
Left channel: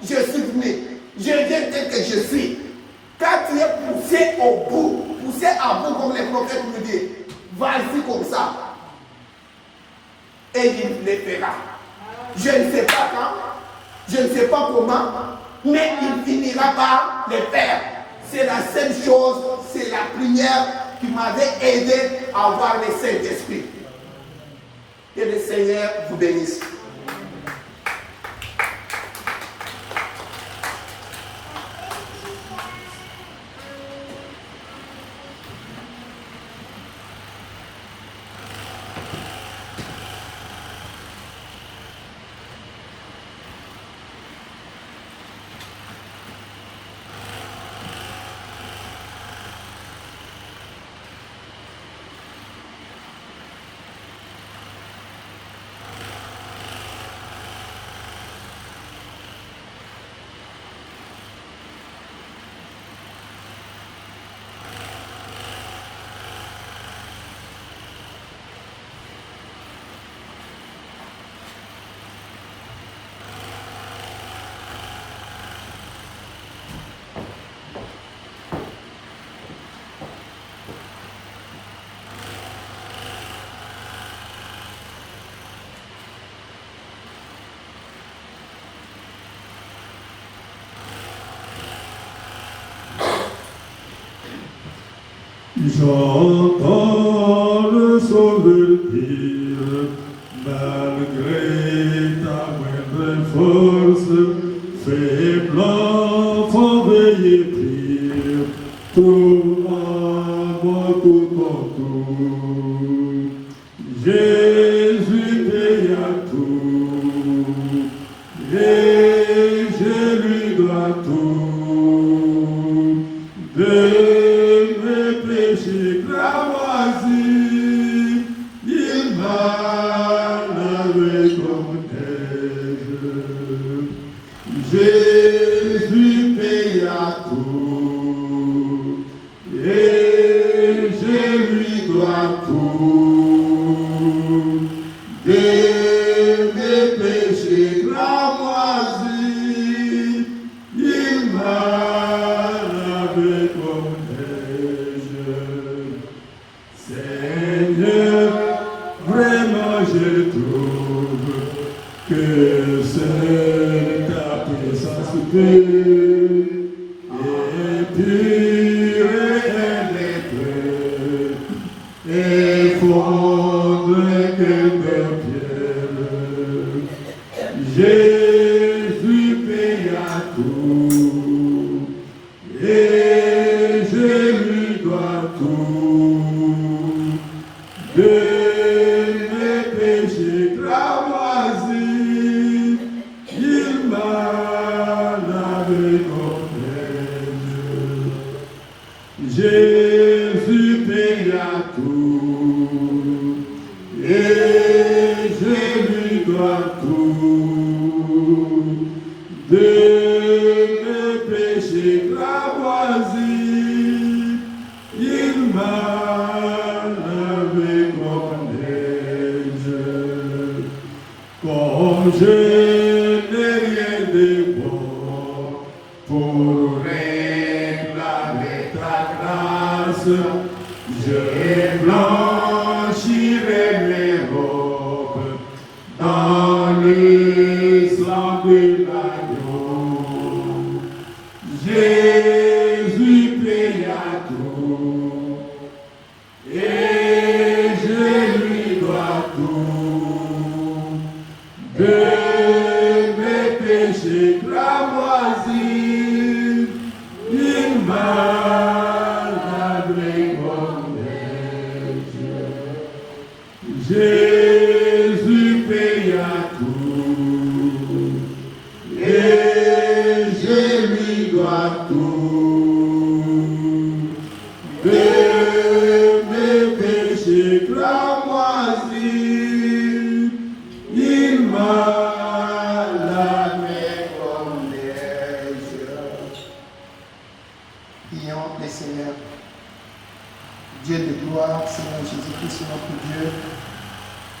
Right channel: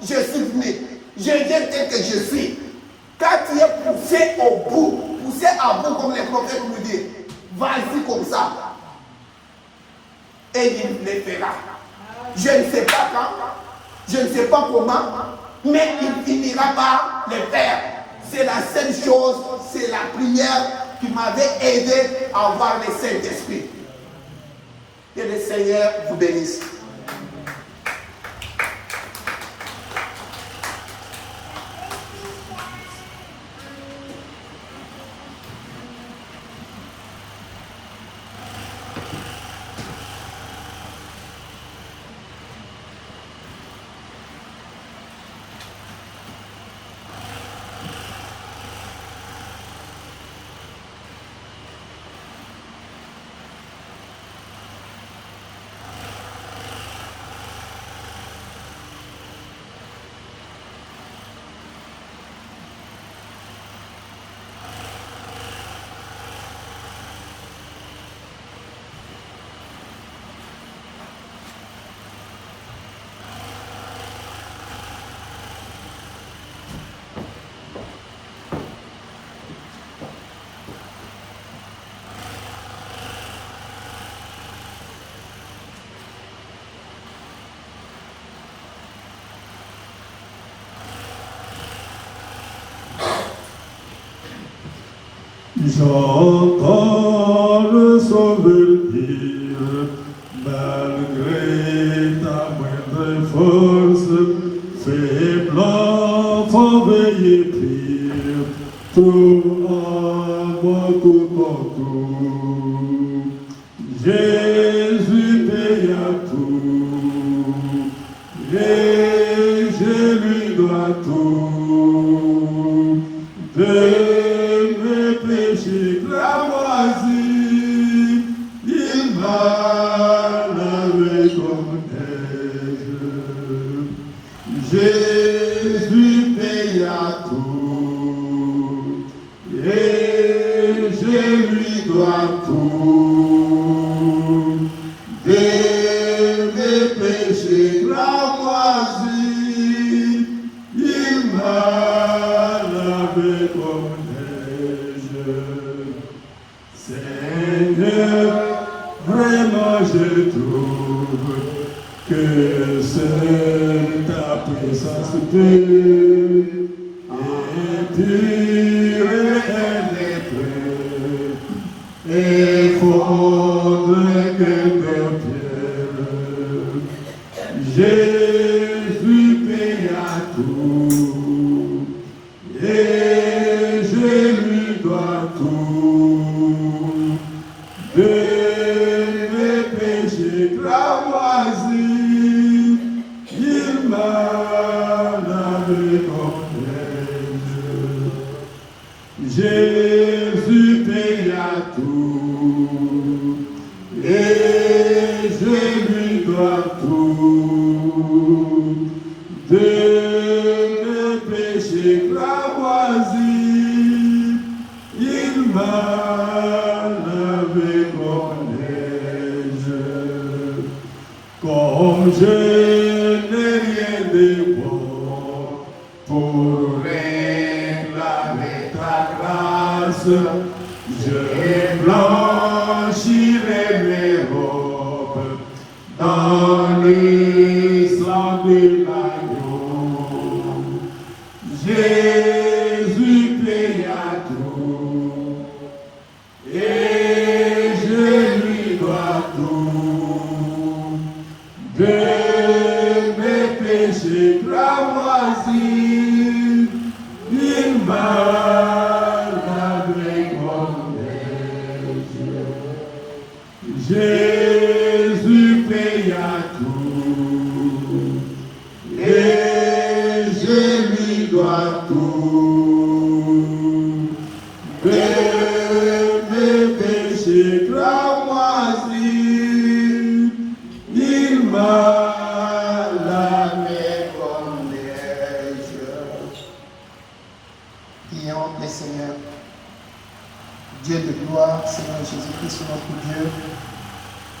je suis venu. Je viens tel que je suis. Quand tu es poussé au bout, poussé à bout comme les prophètes nous disent, vas-y comme ça. Et il le fera. Je ne sais pas quand, je ne sais pas comment, mais il finira par le faire. C'est la seule chose, c'est la prière qui m'avait aidé à avoir le Saint-Esprit. Que le Seigneur vous bénisse. J'entends le sauveur dire, malgré ta moindre force, faiblement faut veiller pire, tout en moi, tout en tout. Jésus paye à tout, et je lui dois tout. Il m'a lavé comme neige. Jésus paye à tout, et je lui dois tout. Des que c'est ta présence pure et pure elle est pure et fondre que de pierre. Jésus paye à tout et je lui dois tout de mes péchés cramoisis. Il m'a lavé comme neige. Jésus paye à tout et je lui dois tout de mes péchés cramoisis. Il m'a lavé comme neige. Comme je n'ai rien de bon pour réclamer ta grâce, je blanchirai mes robes dans le sang de l'agneau. Jésus paye à tout et je lui dois tout de mes péchés cramoisis. Il m'a lavé comme neige. Jésus paye à tout et je lui dois tout de mes péchés cramoisis. Il m'a lavé comme neige. Prions le Seigneur. Dieu de gloire, Seigneur Jésus-Christ, notre Dieu.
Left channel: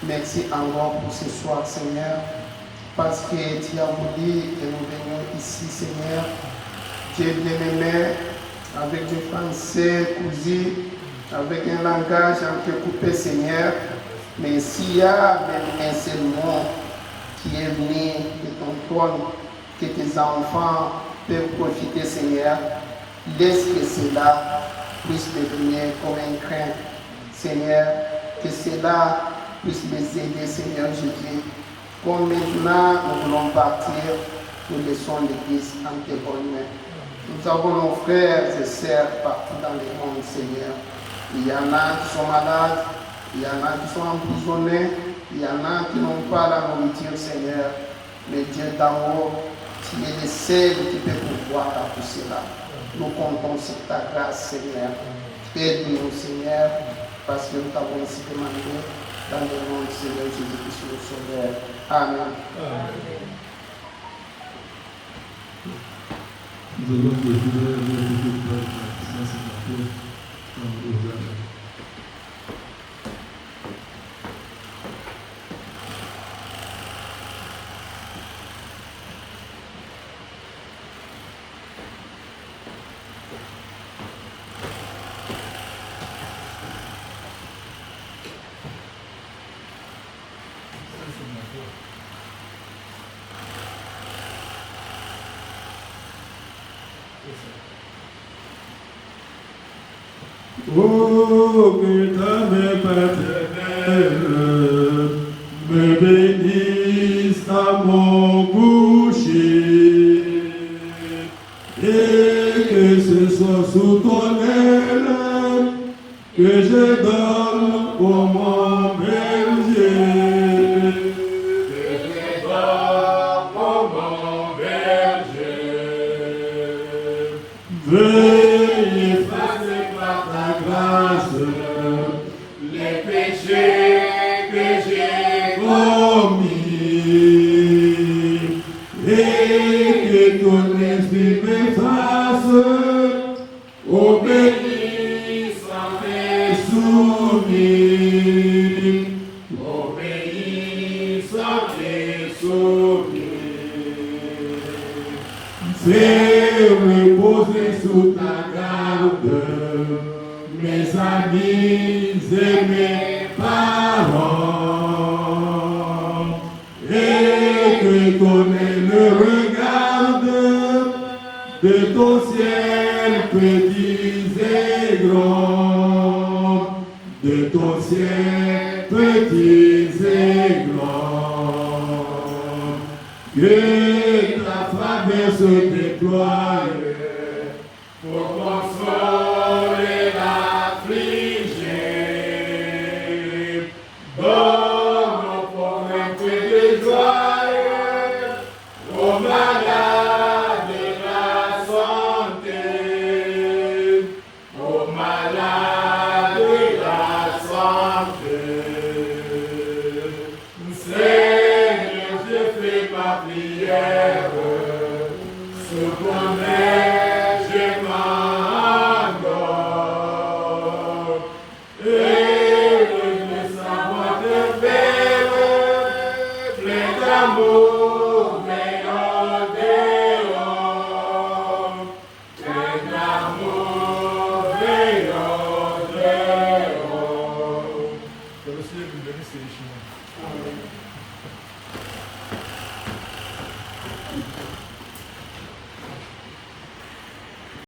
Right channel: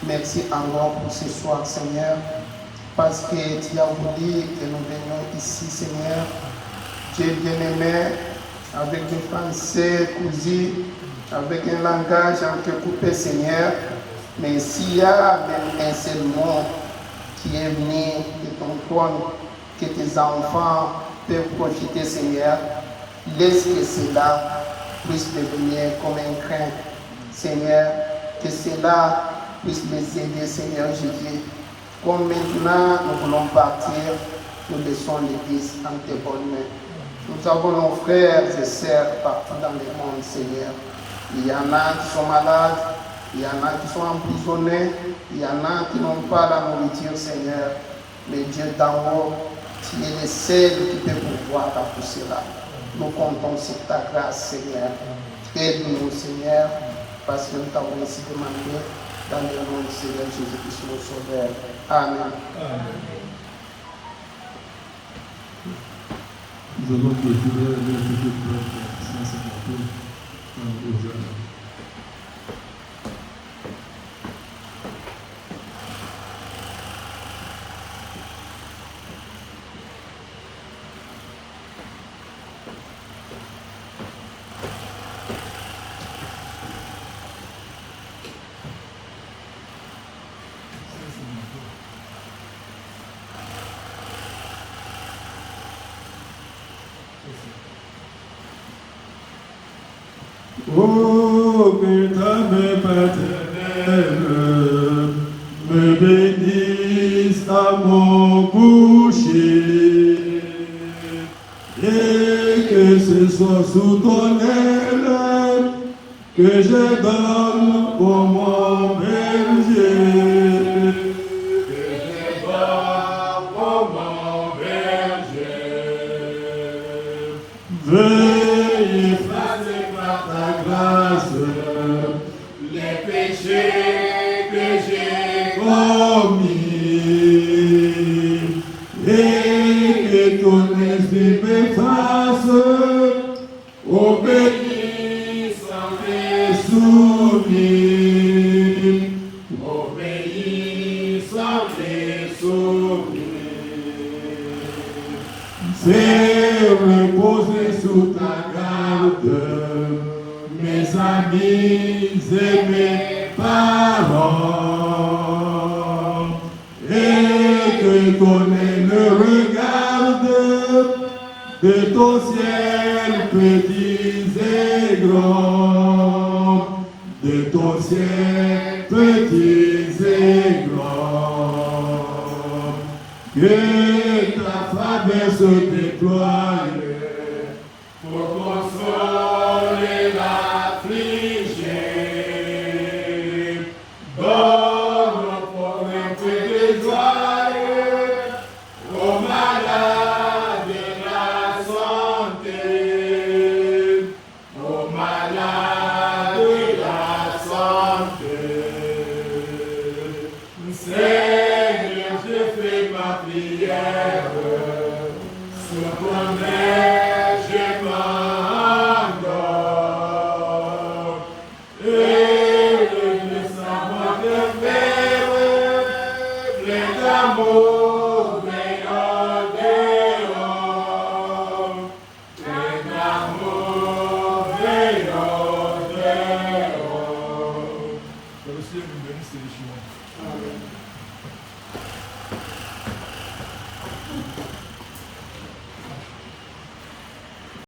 Merci encore pour ce soir, Seigneur, parce que tu as voulu que nous venions ici, Seigneur. Dieu bien-aimé, avec du français cousu, avec un langage entrecoupé, Seigneur. Mais s'il y a même un seul mot qui est venu de ton trône, que tes enfants peuvent profiter, Seigneur, laisse que cela puisse devenir comme un craint, Seigneur, que cela puisse les aider, Seigneur Jésus. Comme maintenant nous voulons partir, nous laissons l'Église en tes bonnes mains. Nous avons nos frères et sœurs partout dans le monde, Seigneur. Il y en a qui sont malades, il y en a qui sont emprisonnés, il y en a qui n'ont pas la nourriture, Seigneur. Mais Dieu d'en haut, tu es le seul qui peut pouvoir à tout cela. Nous comptons sur ta grâce, Seigneur. Aide-nous, Seigneur, parce que nous t'avons ainsi demandé dans le nom du Seigneur Jésus-Christ, notre Sauveur. Amen. Nous allons clôturer le petit plan de 150 aux âges. Oh, que ta main paternelle me bénisse à mon boucher et que ce soit sous ton aile que je donne pour mon berger. Que je donne pour mon berger. Veuillez ta grâce, les péchés que j'ai commis, et que ton esprit m'efface, obéis sans tes souvenirs, obéis sans tes souvenirs. Fais reposer sous ta garde mes amis et mes parents, et connais le regard de ton ciel, petits et grands, de ton ciel, petits et grands, que ta faveur se déploie pour consoler l'affligé. Donne aux pauvres de joie, aux malades la santé, aux malades la santé. Seigneur, je fais ma prière, ce bonheur je m'endors. Et le savant de faire, plein d'amour.